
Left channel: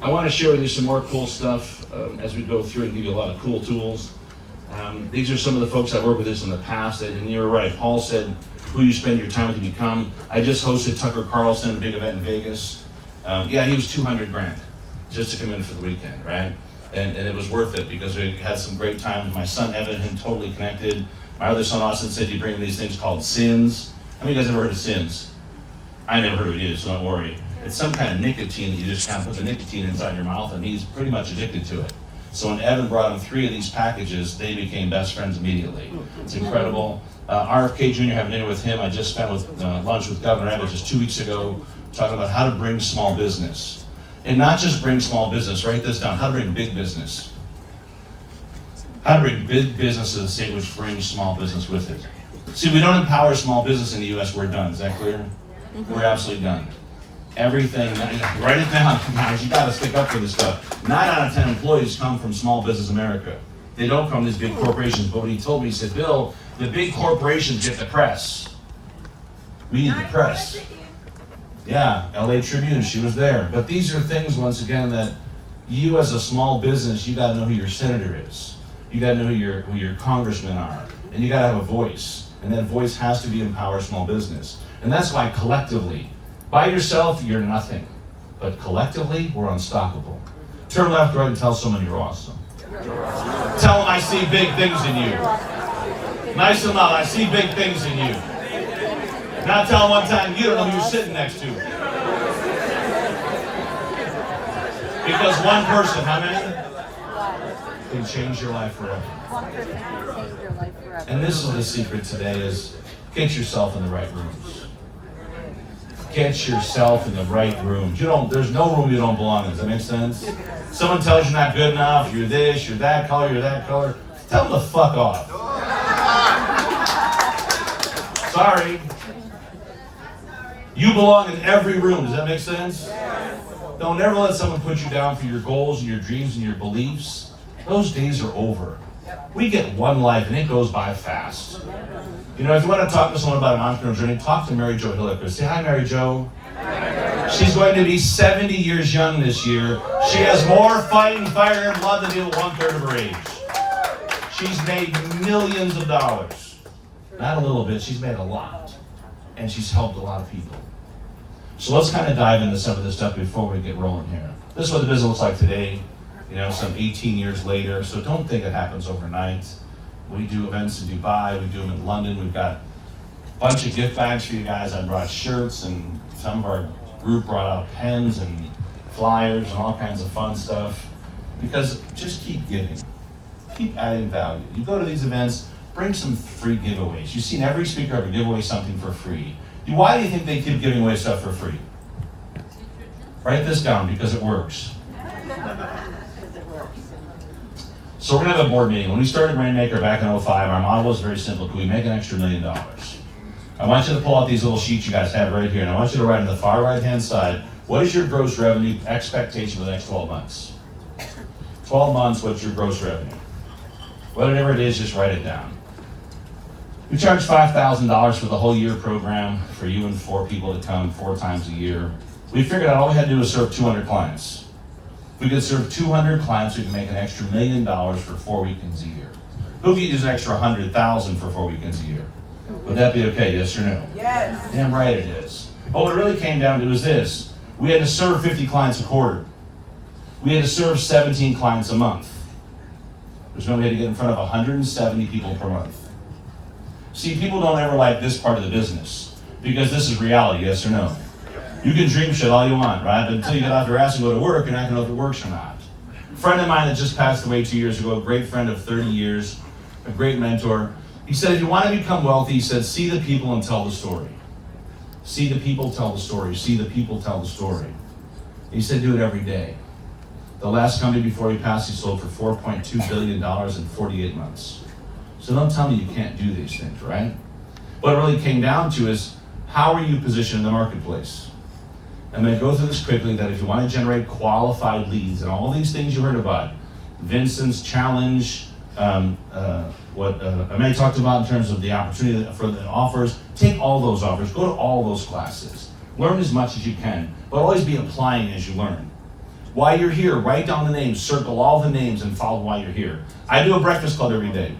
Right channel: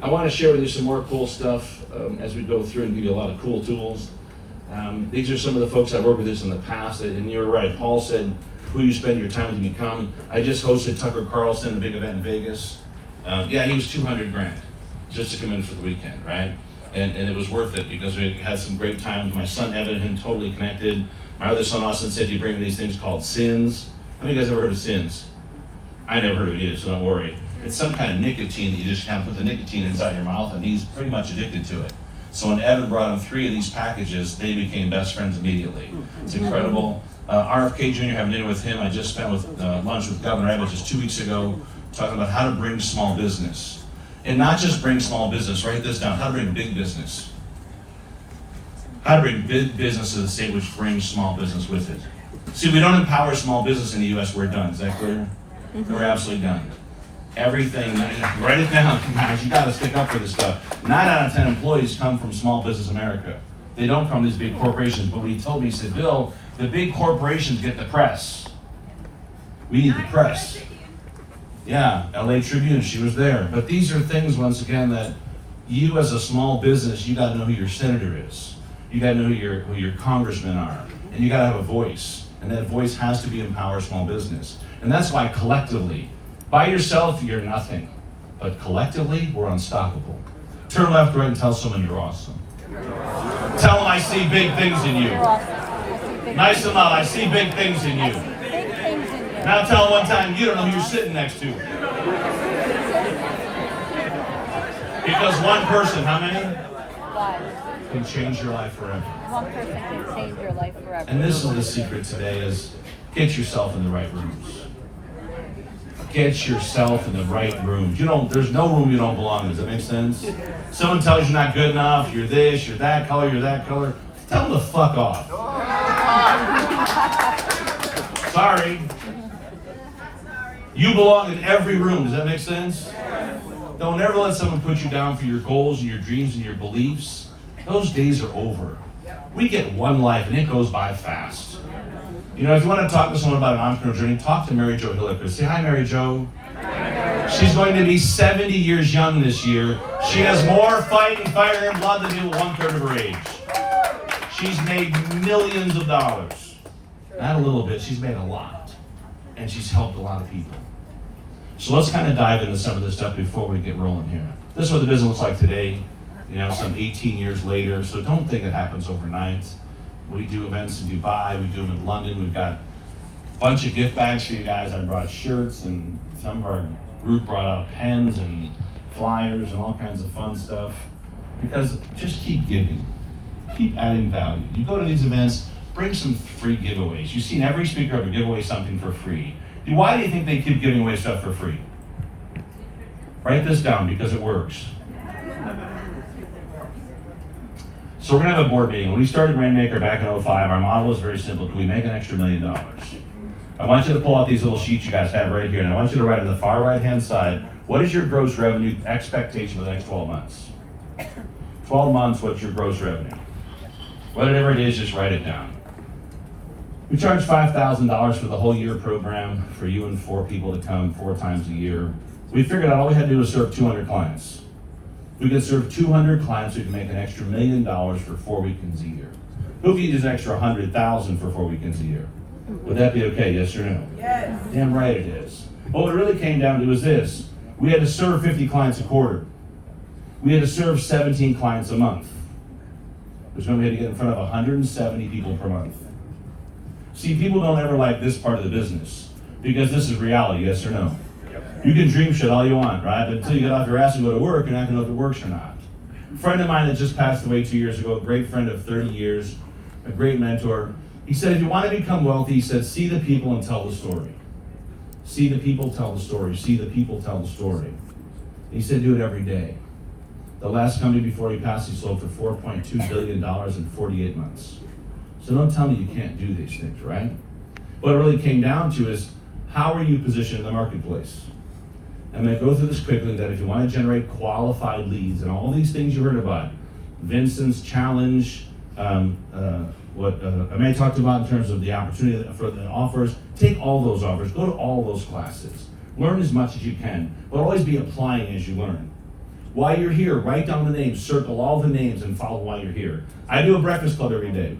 I want to share with you some more cool stuff as we go through and give you a lot of cool tools. These are some of the folks I've worked with this in the past, and you're right. Paul said, who you spend your time to become. I just hosted Tucker Carlson, a big event in Vegas. Yeah, he was 200 grand just to come in for the weekend, right? And it was worth it because we had some great time. My son Evan, him totally connected. My other son Austin said you bring these things called sins. How many of you guys ever heard of sins? I never heard of it either, so don't worry. It's some kind of nicotine that you just kind of put the nicotine inside your mouth, and he's pretty much addicted to it. So when Evan brought him 3 of these packages, they became best friends immediately. It's incredible. RFK Jr., having dinner with him, I just spent with lunch with Governor Evans just 2 weeks ago, talking about how to bring small business. And not just bring small business, write this down, how to bring big business. How to bring big business to the state, which brings small business with it. See, we don't empower small business in the U.S., we're done, is that clear? We're absolutely done. Everything, write it down, guys, you gotta stick up for this stuff. 9 out of 10 employees come from Small Business America. They don't come from these big corporations, but what he told me, he said, Bill, the big corporations get the press. We need the press. Yeah, LA Tribune, she was there. But these are things, once again, that you as a small business, you gotta know who your senator is. You gotta know who your congressmen are. And you gotta have a voice. And that voice has to be empower small business. And that's why collectively, by yourself, you're nothing. But collectively, we're unstoppable. Turn left, right, and tell someone you're awesome. Tell them I see big things in you. Nice and loud, I see big things in you. Now tell them one time, you don't know who you're sitting next to. Because one person, how many? Can change your life forever. And this is the secret today is get yourself in the right rooms. Get yourself in the right rooms. There's no room you don't belong in. Does that make sense? Someone tells you you're not good enough, you're this, you're that color, you're that color. Tell them to fuck off. Sorry. You belong in every room. Does that make sense? Don't ever let someone put you down for your goals and your dreams and your beliefs. Those days are over. We get one life and it goes by fast. You know, if you want to talk to someone about an entrepreneurial journey, talk to Mary Jo Hilliker. Say hi, Mary Jo. She's going to be 70 years young this year. She has more fighting fire and blood than people 1/3 of her age. She's made millions of dollars. Not a little bit, she's made a lot. And she's helped a lot of people. So let's kind of dive into some of this stuff before we get rolling here. This is what the business looks like today, you know, some 18 years later. So don't think it happens overnight. We do events in Dubai, we do them in London. We've got a bunch of gift bags for you guys. I brought shirts, and some of our group brought out pens and flyers and all kinds of fun stuff. Because just keep giving, keep adding value. You go to these events, bring some free giveaways. You've seen every speaker ever give away something for free. Why do you think they keep giving away stuff for free? Write this down because it works. So we're gonna have a board meeting. When we started Rainmaker back in 2005, our model was very simple. Can we make an extra $1 million? I want you to pull out these little sheets you guys have right here, and I want you to write on the far right-hand side, what is your gross revenue expectation for the next 12 months? 12 months, what's your gross revenue? Whatever it is, just write it down. We charge $5,000 for the whole year program for you and 4 people to come 4 times a year. We figured out all we had to do was serve 200 clients. If we could serve 200 clients, we could make an extra $1 million for 4 weekends a year. Who could use an extra 100,000 for 4 weekends a year? Would that be okay, yes or no? Yes. Damn right it is. But what it really came down to is this. We had to serve 50 clients a quarter. We had to serve 17 clients a month. There's no way to get in front of 170 people per month. See, people don't ever like this part of the business because this is reality, yes or no? You can dream shit all you want, right? But until you get off your ass and go to work, you're not gonna know if it works or not. A friend of mine that just passed away 2 years ago, a great friend of 30 years, a great mentor, he said, if you want to become wealthy, he said, see the people and tell the story. See the people, tell the story. See the people, tell the story. He said, do it every day. The last company before he passed, he sold for $4.2 billion in 48 months. So don't tell me you can't do these things, right? What it really came down to is, how are you positioned in the marketplace? I'm going to go through this quickly, that if you want to generate qualified leads and all these things you heard about, Vincent's challenge, what Amanda talked about in terms of the opportunity for the offers, take all those offers, go to all those classes. Learn as much as you can, but always be applying as you learn. While you're here, write down the names, circle all the names, and follow while you're here. I do a breakfast club every day.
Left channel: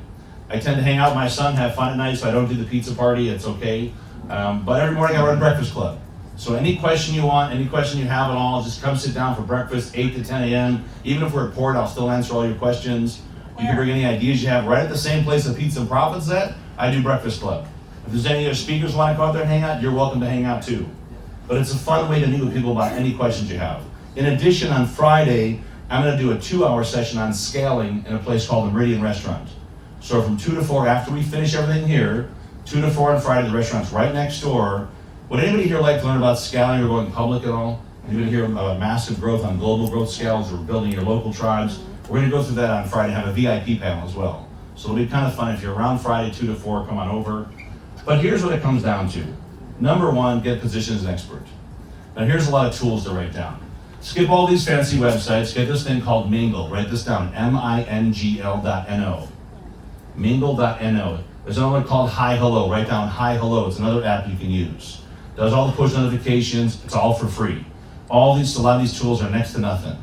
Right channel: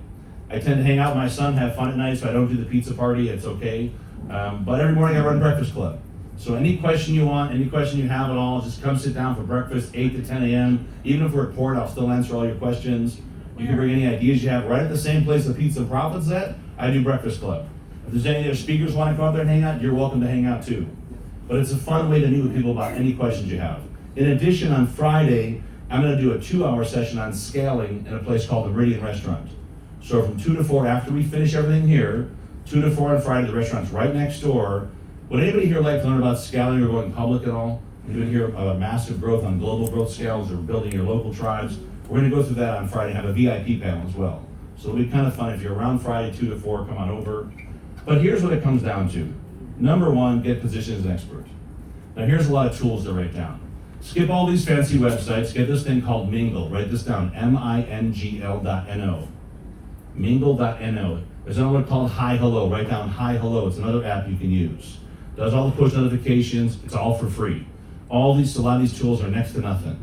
I tend to hang out with my son, have fun at night, so I don't do the pizza party, it's okay. But every morning I run a breakfast club. So any question you want, any question you have at all, just come sit down for breakfast, 8 to 10 a.m. Even if we're at port, I'll still answer all your questions. You can bring any ideas you have right at the same place the Pizza and Profits at. I do breakfast club. If there's any other speakers who want to go out there and hang out, you're welcome to hang out too. But it's a fun way to meet with people about any questions you have. In addition, on Friday, I'm going to do a 2-hour session on scaling in a place called the Meridian Restaurant. So from 2 to 4, after we finish everything here, 2 to 4 on Friday, the restaurant's right next door. Would anybody here like to learn about scaling or going public at all? Anybody here massive growth on global growth scales or building your local tribes? We're going to go through that on Friday, have a VIP panel as well. So it'll be kind of fun. If you're around Friday, 2 to 4, come on over. But here's what it comes down to. Number one, get positioned as an expert. Now here's a lot of tools to write down. Skip all these fancy websites, get this thing called Mingle. Write this down, MINGL.no. Mingle.no. There's another one called Hi Hello. Write down Hi Hello. It's another app you can use. Does all the push notifications. It's all for free. A lot of these tools are next to nothing.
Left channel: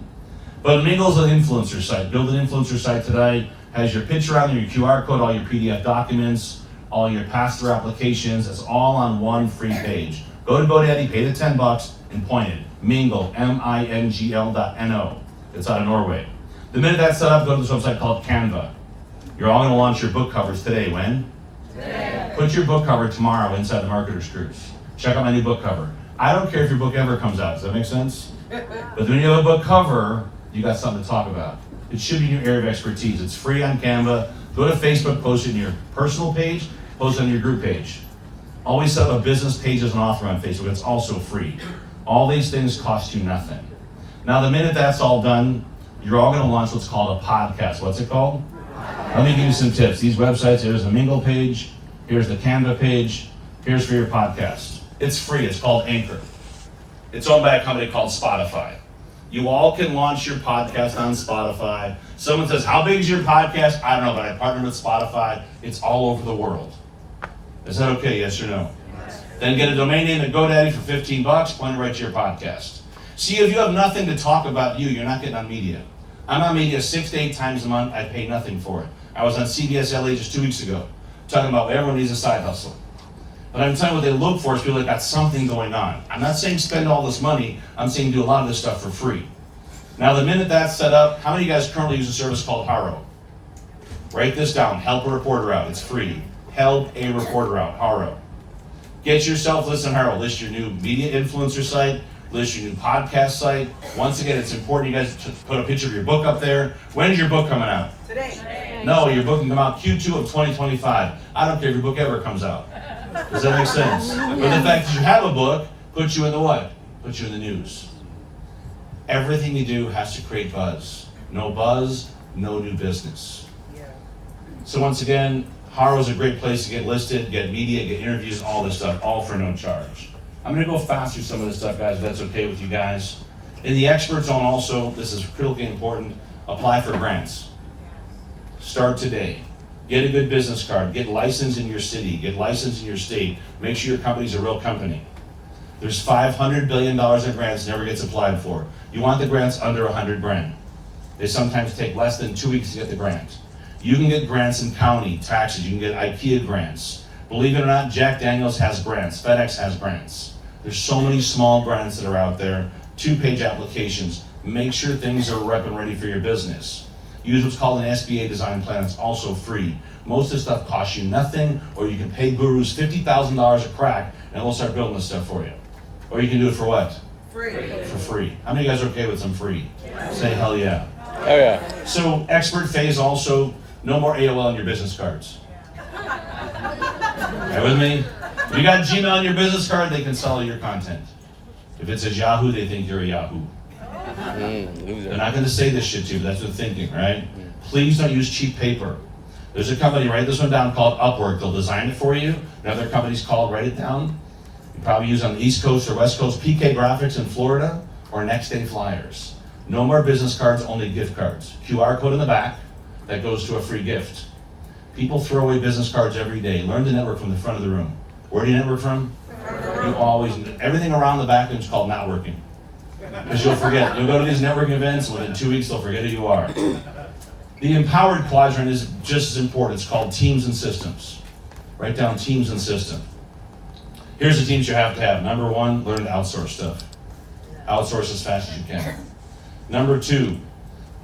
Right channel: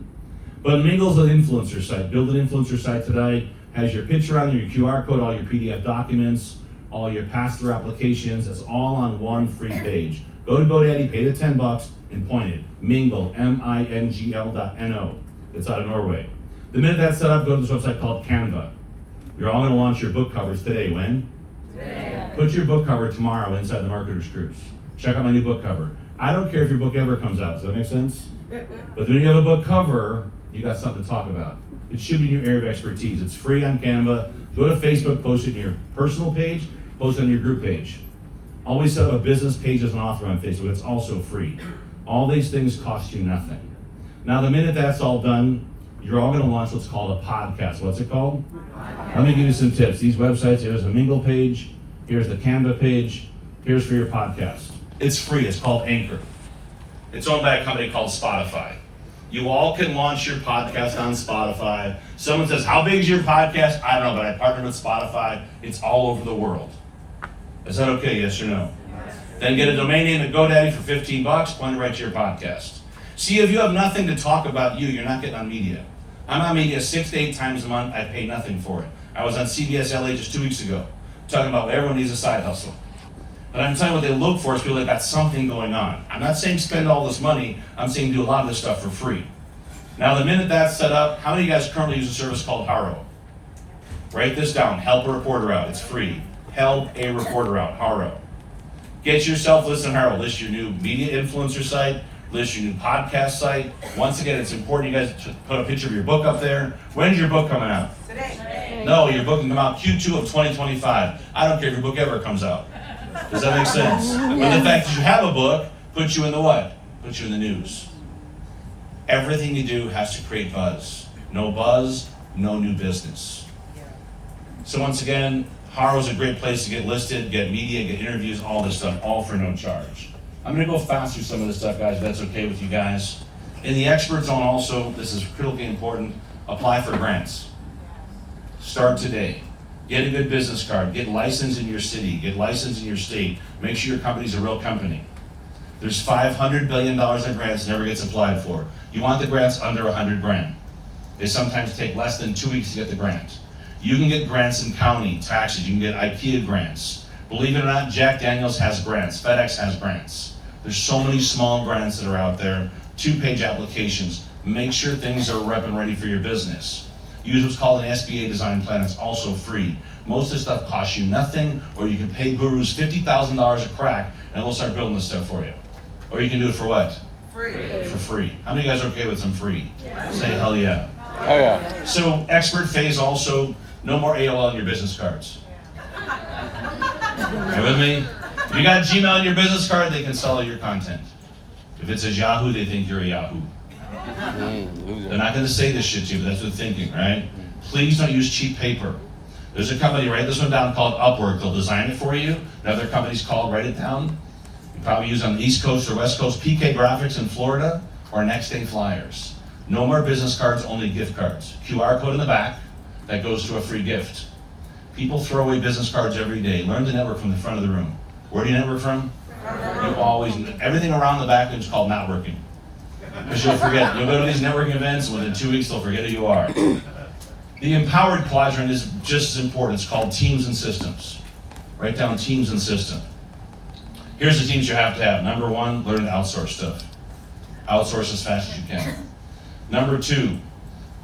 But Mingle's an influencer site. Build an influencer site today. Has your picture on there, your QR code, all your PDF documents, all your pass-through applications. It's all on one free page. Go to GoDaddy, pay the $10, and point it. Mingle, MINGL.no. It's out of Norway. The minute that's set up, go to this website called Canva. You're all going to launch your book covers today. When? Today. Put your book cover tomorrow inside the Marketer's Cruise. Check out my new book cover. I don't care if your book ever comes out. Does that make sense? But when you have a book cover, you got something to talk about. It should be your area of expertise. It's free on Canva. Go to Facebook, post it in your personal page, post it on your group page. Always set up a business page as an author on Facebook. It's also free. All these things cost you nothing. Now, the minute that's all done, you're all going to launch what's called a podcast. What's it called? Let me give you some tips. These websites, here's the Mingle page, here's the Canva page, here's for your podcast. It's free. It's called Anchor. It's owned by a company called Spotify. You all can launch your podcast on Spotify. Someone says, how big is your podcast? I don't know, but I partner with Spotify. It's all over the world. Is that okay, yes or no? Then get a domain name at GoDaddy for $15, point it right to your podcast. See, if you have nothing to talk about you're not getting on media. I'm on media 6 to 8 times a month. I pay nothing for it. I was on CBS LA just 2 weeks ago, talking about everyone needs a side hustle. But I'm telling you what they look for is people that got something going on. I'm not saying spend all this money. I'm saying do a lot of this stuff for free. Now, the minute that's set up, how many of you guys currently use a service called Haro? Write this down. Help a reporter out. It's free. Help a reporter out. Haro. Get yourself listed on Haro. List your new media influencer site. List your new podcast site. Once again, it's important you guys to put a picture of your book up there. When's your book coming out? Today. No, your book can come out Q2 of 2025. I don't care if your book ever comes out. Does that make sense? But the fact that you have a book puts you in the what? Puts you in the news. Everything you do has to create buzz. No buzz, no new business. So once again, Haro is a great place to get listed, get media, get interviews, all this stuff, all for no charge. I'm going to go fast through some of this stuff, guys, if that's okay with you guys. In the expert zone also, this is critically important, apply for grants. Start today. Get a good business card. Get licensed in your city. Get licensed in your state. Make sure your company's a real company. There's $500 billion in grants never gets applied for. You want the grants under 100 grand. They sometimes take less than 2 weeks to get the grant. You can get grants in county, taxes, you can get IKEA grants. Believe it or not, Jack Daniels has grants, FedEx has grants. There's so many small grants that are out there, 2-page applications. Make sure things are rep and ready for your business. Use what's called an SBA design plan, it's also free. Most of this stuff costs you nothing, or you can pay gurus $50,000 a crack and they'll start building this stuff for you. Or you can do it for what? Free. For free. How many of you guys are okay with some free? Yeah. Say hell yeah. Oh yeah. So expert phase also, no more AOL on your business cards. Are you with me? If you got Gmail on your business card, they can sell your content. If it says Yahoo, they think you're a Yahoo. They're not going to say this shit to you, but that's what they're thinking, right? Please don't use cheap paper. There's a company, write this one down, called Upwork. They'll design it for you. Another company's called, write it down. You probably use on the East Coast or West Coast, PK Graphics in Florida, or Next Day Flyers. No more business cards, only gift cards. QR code in the back, that goes to a free gift. People throw away business cards every day. Learn to network from the front of the room. Where do you network from? You always, everything around the back is called not working. Because you'll forget. You'll go to these networking events, and within 2 weeks they'll forget who you are. The empowered quadrant is just as important. It's called teams and systems. Write down teams and system. Here's the teams you have to have. Number 1, learn to outsource stuff. Outsource as fast as you can. Number 2,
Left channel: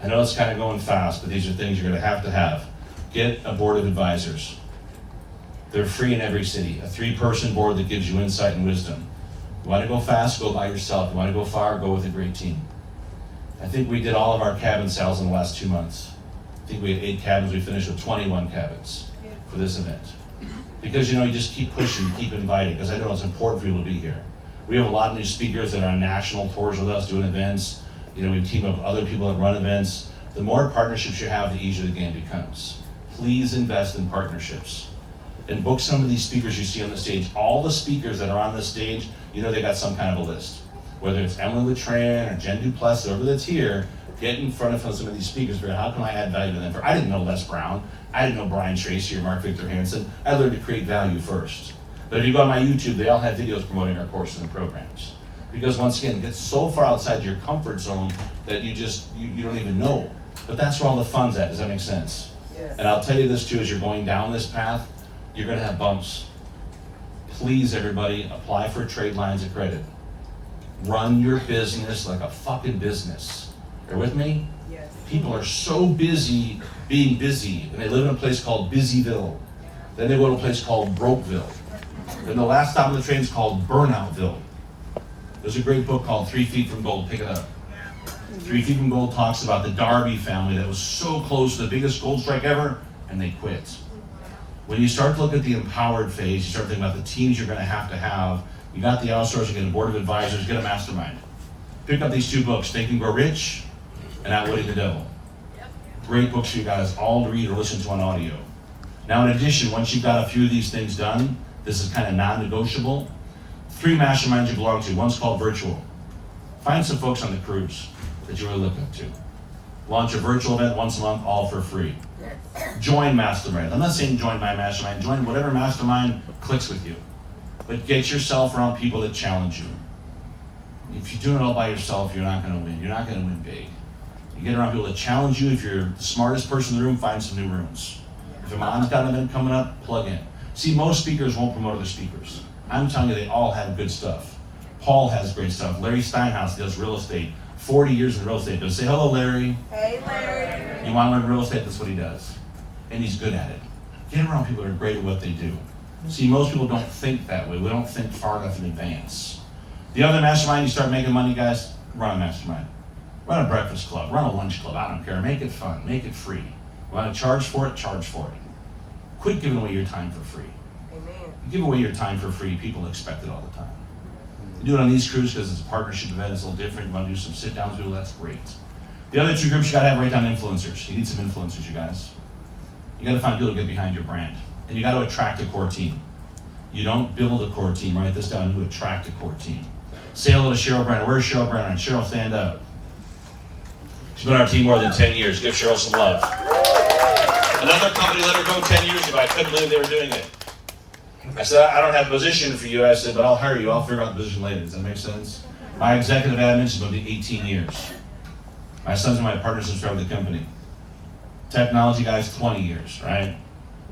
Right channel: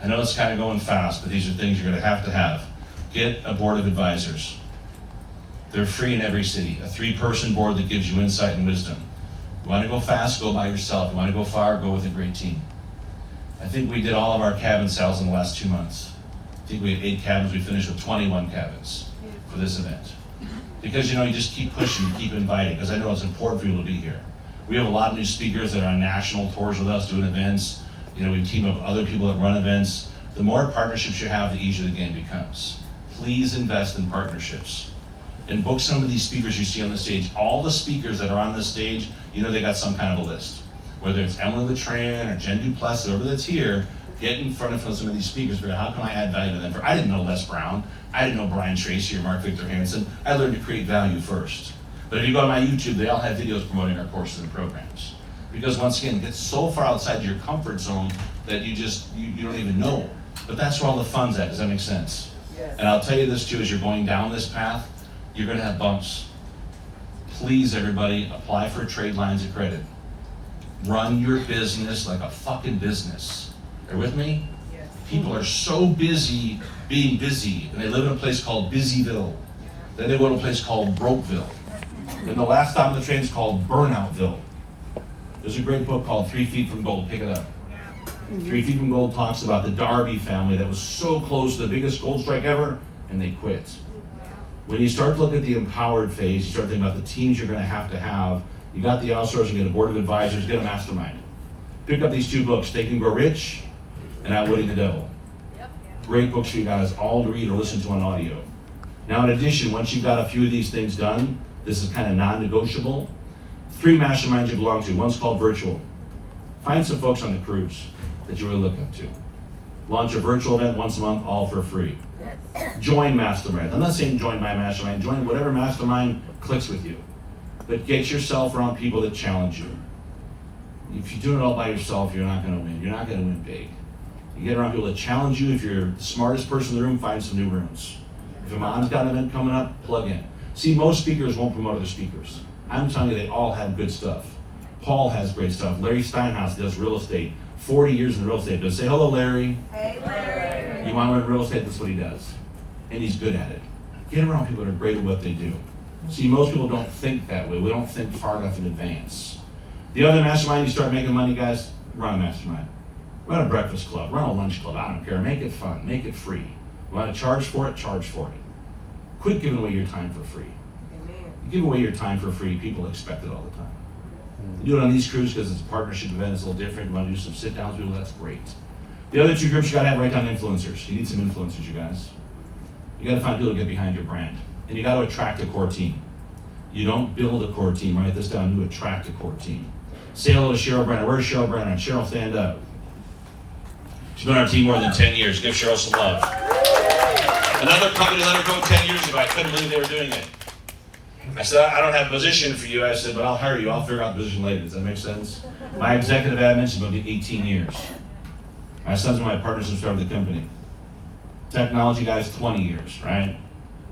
I know it's kind of going fast, but these are things you're going to have. Get a board of advisors. They're free in every city. A 3-person board that gives you insight and wisdom. You want to go fast, go by yourself. You want to go far, go with a great team. I think we did all of our cabin sales in the last 2 months. I think we had 8 cabins. We finished with 21 cabins for this event. Because you just keep pushing, you keep inviting, because I know it's important for people to be here. We have a lot of new speakers that are on national tours with us, doing events. We team up with other people that run events. The more partnerships you have, the easier the game becomes. Please invest in partnerships. And book some of these speakers you see on the stage. All the speakers that are on the stage, they got some kind of a list. Whether it's Emily Letran or Jen Duplessis, whoever that's here, get in front of some of these speakers. How can I add value to them? I didn't know Les Brown. I didn't know Brian Tracy or Mark Victor Hansen. I learned to create value first. But if you go on my YouTube, they all have videos promoting our courses and programs. Because once again, it gets so far outside your comfort zone that you don't even know. But that's where all the fun's at. Does that make sense? Yes. And I'll tell you this too, as you're going down this path, you're going to have bumps. Please, everybody, apply for trade lines of credit. Run your business like a fucking business. Are you with me? Yes. People are so busy being busy, and they live in a place called Busyville. Then they go to a place called Brokeville. Then the last stop on the train is called Burnoutville. There's a great book called 3 Feet from Gold. Pick it up. 3 Feet from Gold talks about the Darby family that was so close to the biggest gold strike ever, and they quit. When you start to look at the empowered phase, you start thinking about the teams you're going to have. You got the outsourcing, get a board of advisors, get a mastermind. Pick up these 2 books, Think and Grow Rich and Outwitting the Devil. Great books for you guys all to read or listen to on audio. Now, in addition, once you've got a few of these things done, this is kind of non-negotiable. 3 masterminds you belong to. One's called Virtual. Find some folks on the cruise that you really look up to. Launch a virtual event once a month, all for free. Join mastermind. I'm not saying join my mastermind. Join whatever mastermind clicks with you. But get yourself around people that challenge you. If you do it all by yourself, you're not going to win. You're not going to win big. You get around people that challenge you. If you're the smartest person in the room, find some new rooms. If your mom's got an event coming up, plug in. See, most speakers won't promote other speakers. I'm telling you, they all have good stuff. Paul has great stuff. Larry Steinhaus does real estate. 40 years in real estate. But say hello, Larry. Hey, Larry. You want to learn real estate? That's what he does. And he's good at it. Get around people that are great at what they do. See, most people don't think that way. We don't think far enough in advance. The other mastermind, you start making money, guys, run a mastermind. Run a breakfast club, run a lunch club, I don't care. Make it fun, make it free. You want to charge for it, charge for it. Quit giving away your time for free. Amen. You give away your time for free, people expect it all the time. You do it on these cruises because it's a partnership event, it's a little different. You want to do some sit-downs with people, that's great. The other 2 groups you got to have right down influencers. You need some influencers, you guys. You got to find people to get behind your brand. And you got to attract a core team. You don't build a core team, write this down, you attract a core team. Say hello to Cheryl Brennan. Where's Cheryl Brennan? Cheryl, stand up. She's been on our team more than 10 years. Give Cheryl some love. Another company let her go 10 years ago. I couldn't believe they were doing it. I said, I don't have a position for you. I said, but I'll hire you. I'll figure out the position later. Does that make sense? My executive admin is going to be 18 years. My son's and my partners have started the company. Technology guys, 20 years, right?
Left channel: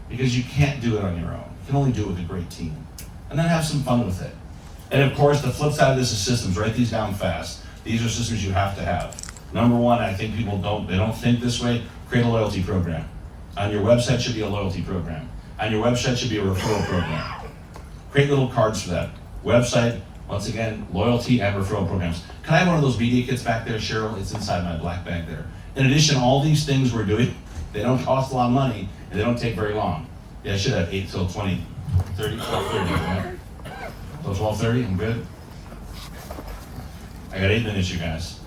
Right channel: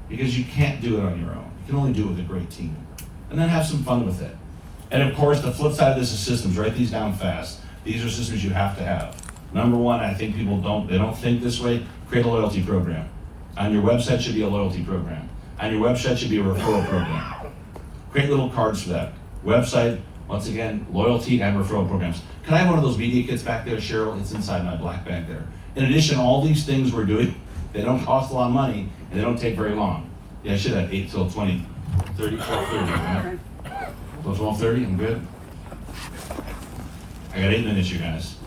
Because you can't do it on your own. You can only do it with a great team. And then have some fun with it. And of course, the flip side of this is systems. Write these down fast. These are systems you have to have. Number one, I think people don't think this way. Create a loyalty program. On your website should be a loyalty program. On your website should be a referral program. Create little cards for that. Website, once again, loyalty and referral programs. Can I have one of those media kits back there, Cheryl? It's inside my black bag there. In addition, all these things we're doing, they don't cost a lot of money and they don't take very long. Yeah, I should have 8 till 20, 30, 12:30. Till 12:30, I'm good. I got 8 minutes, you guys.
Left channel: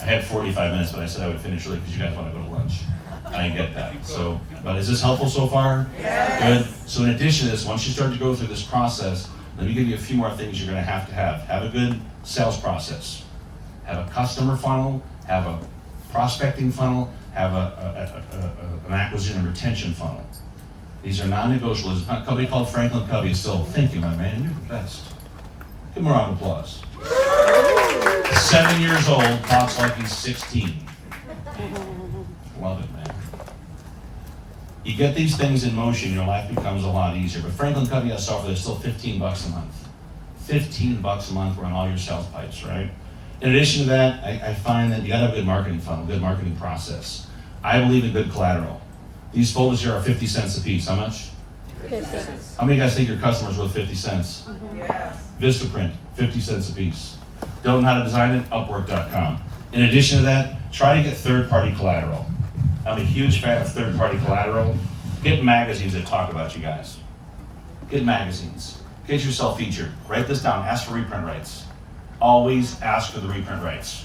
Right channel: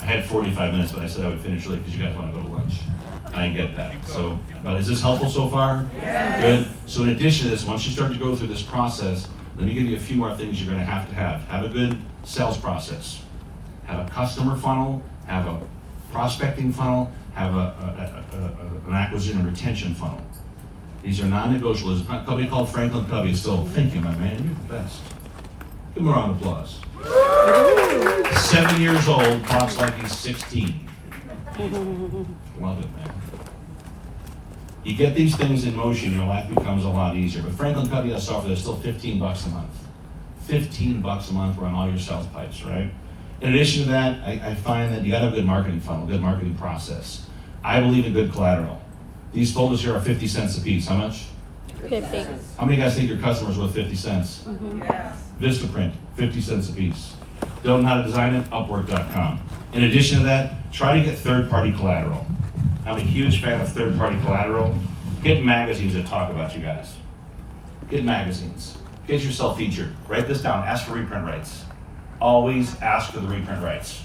I had 45 minutes, but I said I would finish early because you guys want to go to lunch. I get that. So, but is this helpful so far? Yes. Good. So in addition to this, once you start to go through this process, let me give you a few more things you're going to have to have. Have a good sales process. Have a customer funnel. Have a prospecting funnel. Have an acquisition and retention funnel. These are non-negotiables. A company called Franklin Covey is still thinking, my man, you're the best. Give him a round of applause. 7 years old, talks like he's 16. Love it, man. You get these things in motion, your life becomes a lot easier. But Franklin Covey has software that's still $15 a month. $15 a month run all your sales pipes, right? In addition to that, I find that you gotta have a good marketing funnel, good marketing process. I believe in good collateral. These folders here are 50 cents a piece. How much? 50. How many of you guys think your customer's worth 50 cents? Yes. Vistaprint, 50 cents a piece. Don't know how to design it? Upwork.com. In addition to that, try to get third-party collateral. I'm a huge fan of third-party collateral. Get magazines that talk about you guys. Get magazines. Get yourself featured. Write this down. Ask for reprint rights. Always ask for the reprint rights.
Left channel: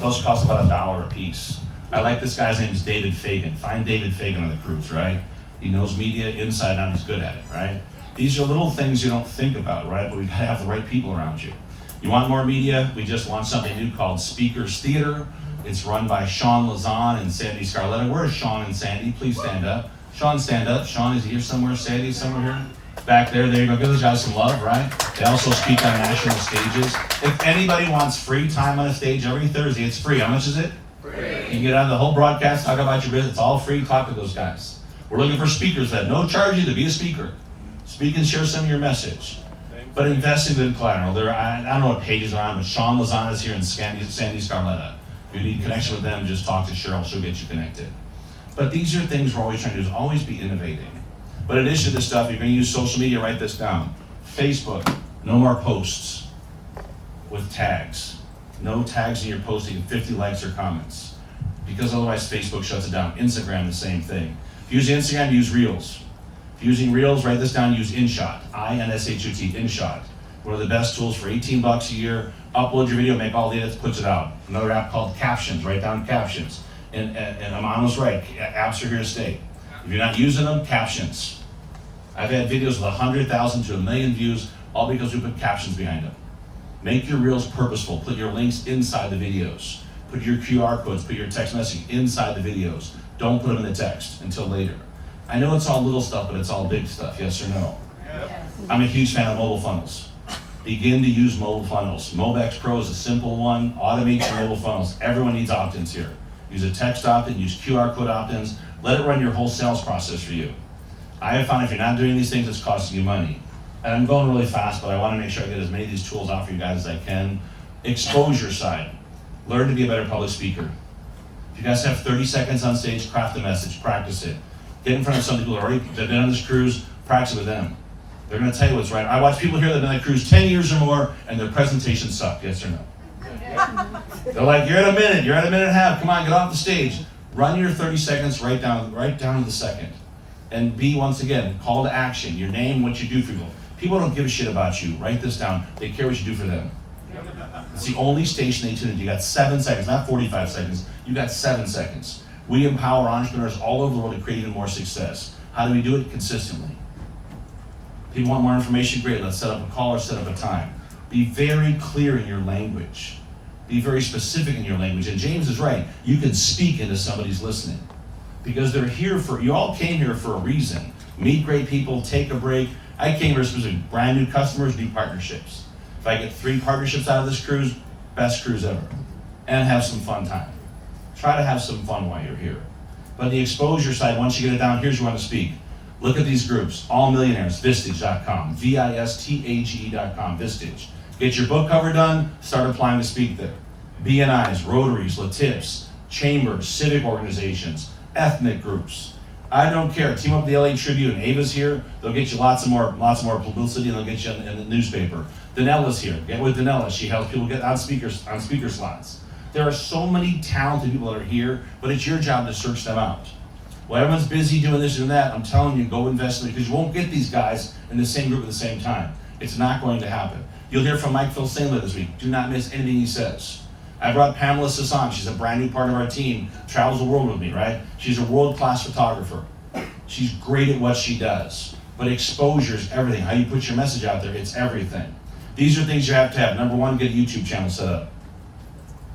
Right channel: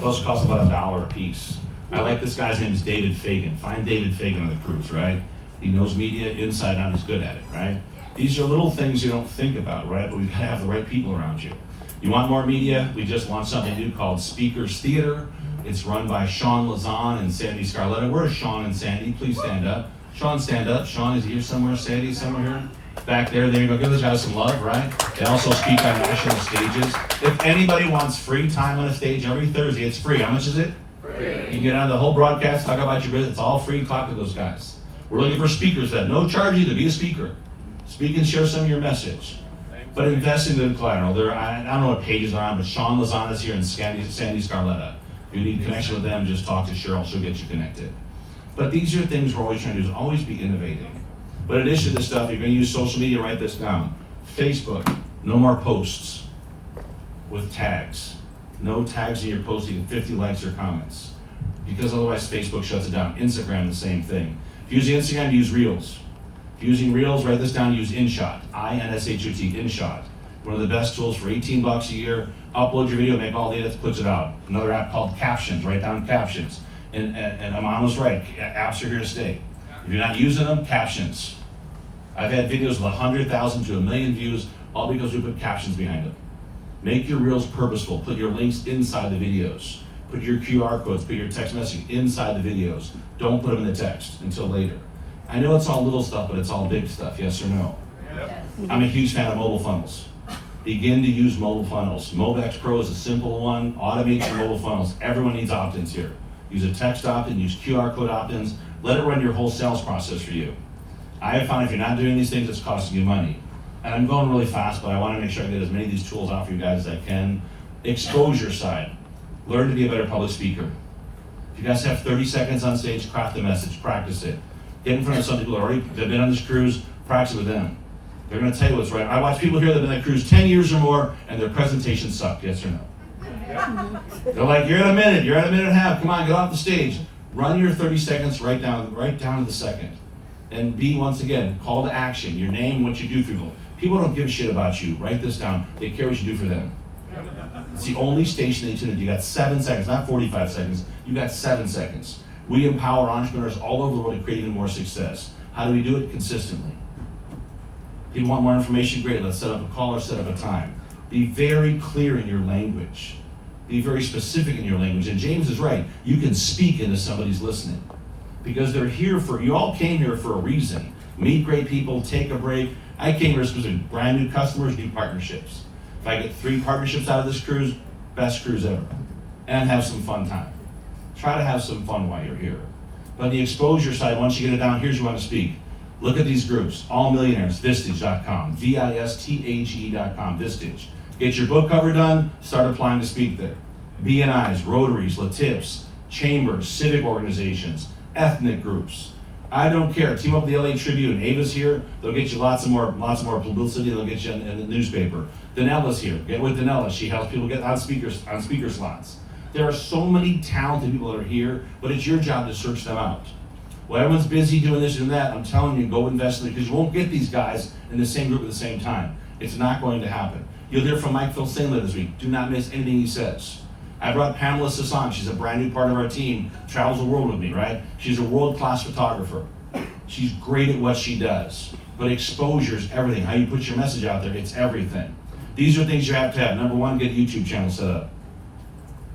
Those cost about $1 a piece. I like this guy's name is David Fagan. Find David Fagan on the cruise, right? He knows media inside out. He's good at it, right? These are little things you don't think about, right? But we gotta have the right people around you. You want more media? We just launched something new called Speakers Theater. It's run by Sean Lazan and Sandy Scarletta. Where's Sean and Sandy? Please stand up. Sean, stand up. Sean is here somewhere. Sandy somewhere here. Back there. There you go. Give those guys some love, right? They also speak on national stages. If anybody wants free time on a stage every Thursday, it's free. How much is it? Free. You can get on the whole broadcast, talk about your business. It's all free. Talk to those guys. We're looking for speakers that no charge you to be a speaker. Speak and share some of your message. But invest in good collateral. I don't know what pages are on, but Sean Lazan is here and Sandy Scarletta. If you need connection with them, just talk to Cheryl. She'll get you connected. But these are things we're always trying to do, is always be innovating. But in addition to this stuff, you're going to use social media. Write this down. Facebook, no more posts with tags. No tags in your posting, 50 likes or comments. Because otherwise Facebook shuts it down. Instagram, the same thing. If you use Instagram, use Reels. If you're using Reels, write this down, use InShot. INSHOT, InShot. One of the best tools for $18 a year. Upload your video, make all the edits, puts it out. Another app called Captions, write down captions. And Amano's right, apps are here to stay. If you're not using them, captions. I've had videos with 100,000 to 1 million views, all because we put captions behind them. Make your Reels purposeful. Put your links inside the videos. Put your QR codes, put your text messaging inside the videos. Don't put them in the text until later. I know it's all little stuff, but it's all big stuff, yes or no? Yes. I'm a huge fan of mobile funnels. Begin to use mobile funnels. Mobex Pro is a simple one. Automate your mobile funnels. Everyone needs opt-ins here. Use a text opt-in, use QR code opt-ins. Let it run your whole sales process for you. I have found if you're not doing these things, it's costing you money. And I'm going really fast, but I want to make sure I get as many of these tools out for you guys as I can. Exposure side. Learn to be a better public speaker. If you guys have 30 seconds on stage, craft the message, practice it. Get in front of some people that already have been on this cruise, practice with them. They're going to tell you what's right. I watch people here that have been on the cruise 10 years or more, and their presentation sucked, yes or no? They're like, you're at a minute and a half, come on, get off the stage. Run your 30 seconds right down to the second. And be, once again, call to action, your name, what you do for people. People don't give a shit about you. Write this down. They care what you do for them. It's the only station they tune into. You got 7 seconds, not 45 seconds. You got 7 seconds. We empower entrepreneurs all over the world to create even more success. How do we do it? Consistently. If you want more information, great. Let's set up a call or set up a time. Be very clear in your language. Be very specific in your language. And James is right. You can speak into somebody's listening. Because they're here you all came here for a reason. Meet great people, take a break. I came here specifically, brand new customers, new partnerships. If I get 3 partnerships out of this cruise, best cruise ever. And have some fun time. Try to have some fun while you're here. But the exposure side, once you get it down, here's you want to speak. Look at these groups, All Millionaires, Vistage.com, VISTAGE.com, Vistage. Get your book cover done, start applying to speak there. BNIs, Rotaries, Latips, chambers, civic organizations, ethnic groups. I don't care. Team up with the LA Tribune. Ava's here. They'll get you lots of more publicity, and they'll get you in the newspaper. Danella's here. Get with Danella. She helps people get on speaker slots. There are so many talented people that are here, but it's your job to search them out. Well, everyone's busy doing this and that. I'm telling you, go invest in it, because you won't get these guys in the same group at the same time. It's not going to happen. You'll hear from Mike Phil-Sandler this week. Do not miss anything he says. I brought Pamela Sasson. She's a brand new part of our team. Travels the world with me, right? She's a world-class photographer. She's great at what she does. But exposure is everything. How you put your message out there, it's everything. These are things you have to have. Number one, get a YouTube channel set up.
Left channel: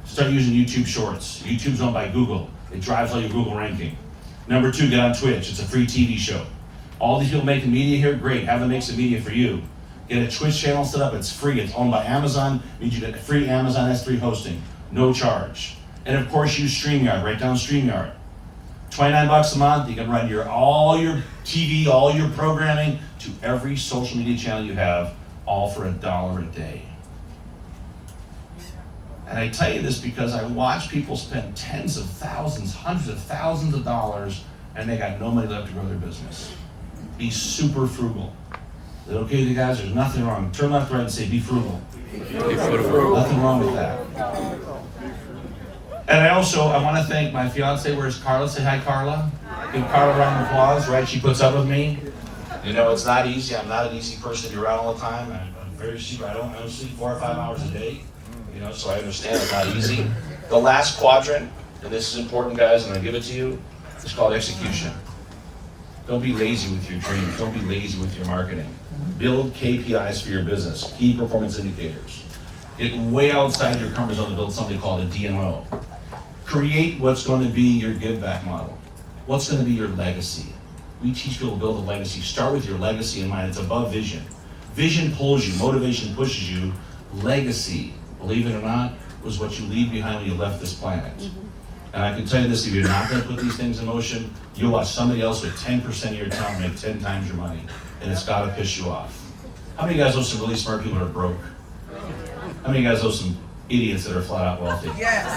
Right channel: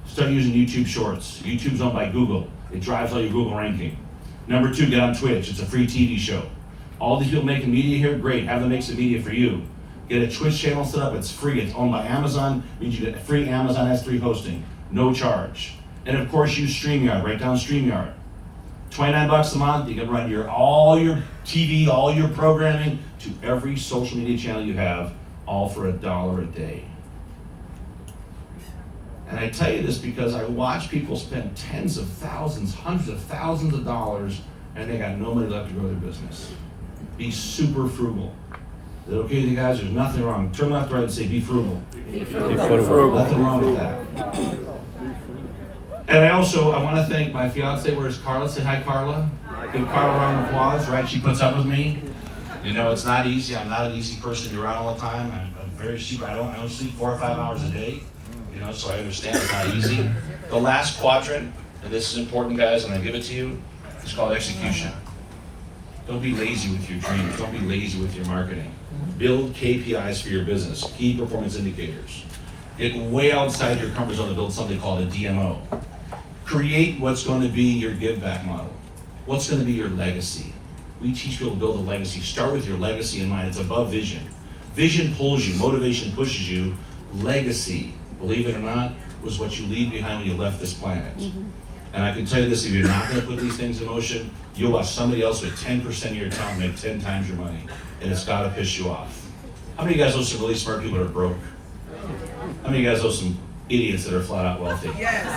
Start using YouTube Shorts. YouTube's owned by Google. It drives all your Google ranking. Number two, get on Twitch. It's a free TV show. All these people making media here, great. Have them make some media for you. Get a Twitch channel set up. It's free. It's owned by Amazon. Means you get a free Amazon S3 hosting. No charge. And of course, use StreamYard. Write down StreamYard. $29 a month. You can run all your TV, all your programming to every social media channel you have, all for $1 a day. And I tell you this because I watch people spend tens of thousands, hundreds of thousands of dollars, and they got no money left to grow their business. Be super frugal. Is that okay with you guys? There's nothing wrong. Turn left, right, and say, be frugal. Be frugal. Nothing wrong with that. And I want to thank my fiance. Where's Carla? Say hi, Carla. Give Carla a round of applause, right? She puts up with me. You know, it's not easy. I'm not an easy person to be around all the time. I'm very super. I don't sleep 4 or 5 hours a day. You know, so I understand it's not easy. The last quadrant, and this is important, guys, and I'll give it to you, it's called execution. Don't be lazy with your dreams. Don't be lazy with your marketing. Build KPIs for your business, key performance indicators. Get way outside your comfort zone to build something called a DMO. Create what's going to be your give back model. What's going to be your legacy? We teach people to build a legacy. Start with your legacy in mind. It's above vision. Vision pulls you, motivation pushes you. Legacy, believe it or not, was what you leave behind when you left this planet. And I can tell you this, if you're not going to put these things in motion, you'll watch somebody else with 10% of your time make 10 times your money. And it's got to piss you off. How many of you guys know some really smart people that are broke? How many of you guys know some idiots that are flat out wealthy? Yes.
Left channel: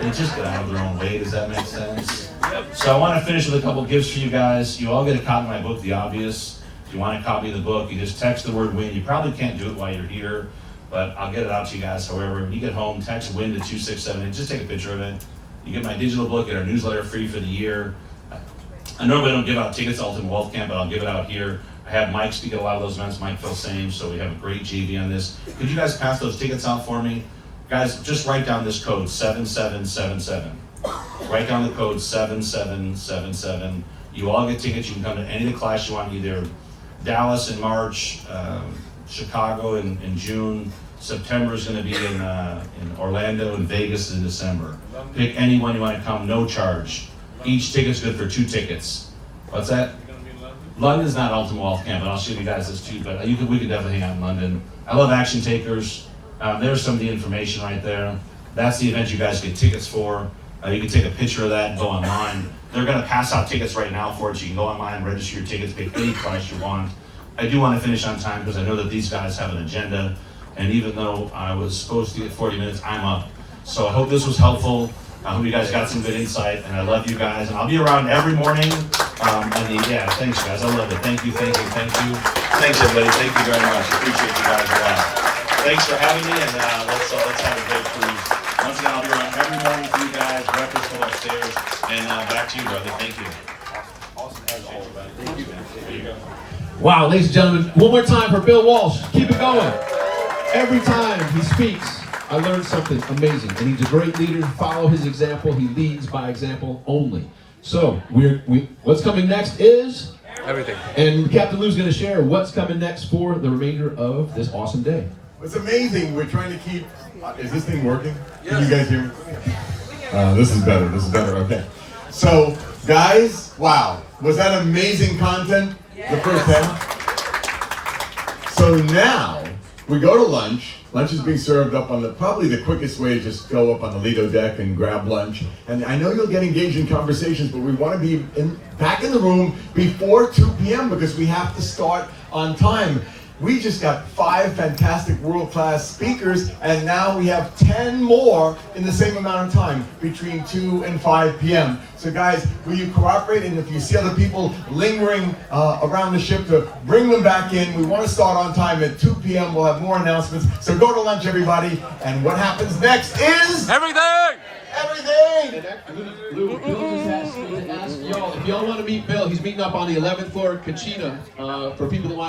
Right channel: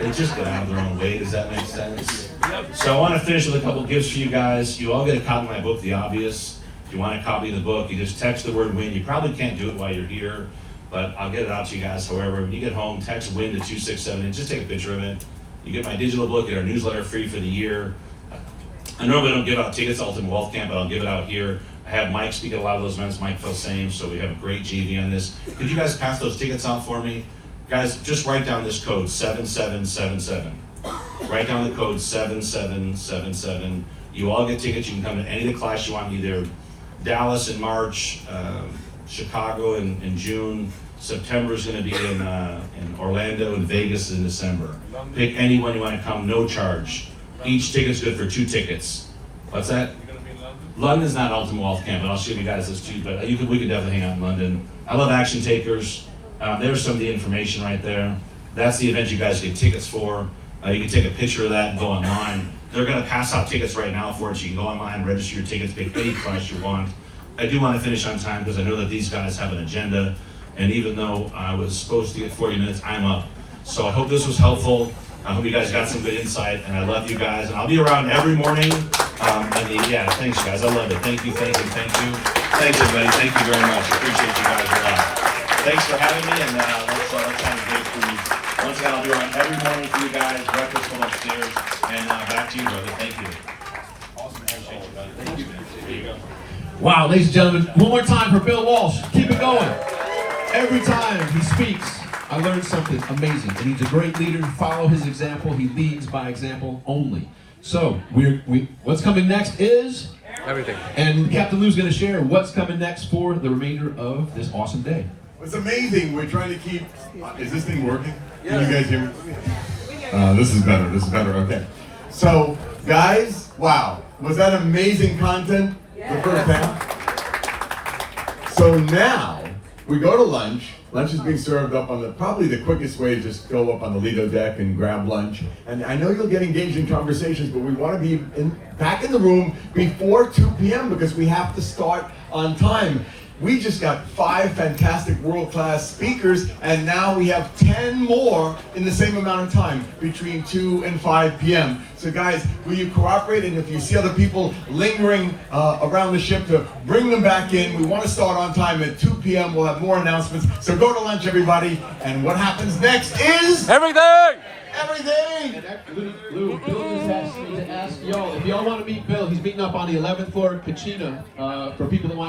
They just get out of their own way. Does that make sense? So I want to finish with a couple gifts for you guys. You all get a copy of my book, The Obvious. If you want a copy of the book, you just text the word WIN. You probably can't do it while you're here, but I'll get it out to you guys. However, when you get home, text WIN to 267. Just take a picture of it. You get my digital book, get our newsletter free for the year. I normally don't give out tickets to Ultimate Wealth Camp, but I'll give it out here. I have Mike speak at a lot of those events. Mike felt same, so we have a great GV on this. Could you guys pass those tickets out for me? Guys, just write down this code, 7777. Write down the code 7777. You all get tickets. You can come to any of the class you want, either Dallas in March, Chicago in June. September is going to be in Orlando, and Vegas in December. Pick anyone you want to come, no charge. Each ticket's good for 2 tickets. What's that? London's not Ultimate Wealth Camp, and I'll show you guys this too, but we could definitely hang out in London. I love action takers. There's some of the information right there. That's the event you guys get tickets for. You can take a picture of that and go online. They're going to pass out tickets right now for it, so you can go online, register your tickets, pick any class you want. I do want to finish on time because I know that these guys have an agenda, and even though I was supposed to get 40 minutes, I'm up. So I hope this was helpful. I hope you guys got some good insight, and I love you guys. And I'll be around every morning. Thanks guys, I love it. Thank you. Thanks everybody, thank you very much. I appreciate you guys a lot. Thanks for having me, and let's have a great cruise. Once again, I'll be around every morning for you guys. Breakfast from upstairs, and back to you, brother. Thank you. Awesome. Thank you. There you go. Wow, ladies and gentlemen, one more time for Bill Walsh. Keep it going. Every time he speaks, I learn something amazing, and he's a great leader. Follow his example. He leads by example only. So, what's coming next is Everything. And Captain Lou's going to share what's coming next for the remainder of this awesome day. It's amazing. We're trying to keep. Is this thing working? Can you guys hear me? This is better. Okay. So, guys, wow, was that amazing content? The first half. So now we go to lunch. Lunch is being served up on probably the quickest way to just go up on the Lido deck and grab lunch. And I know you'll get engaged in conversations, but we want to be back in the room before 2 p.m. because we have to start on time. We just got 5 fantastic world-class speakers, and now we have 10 more in the same amount of time, between 2 and 5 p.m. So guys, will you cooperate? And if you see other people lingering around the ship, to bring them back in. We want to start on time at 2 p.m. We'll have more announcements. So go to lunch, everybody. And what happens next is... Everything! Everything! Lou, Bill just asked me to ask y'all, if y'all want to meet Bill, he's meeting up on the 11th floor of Cucina for people that want to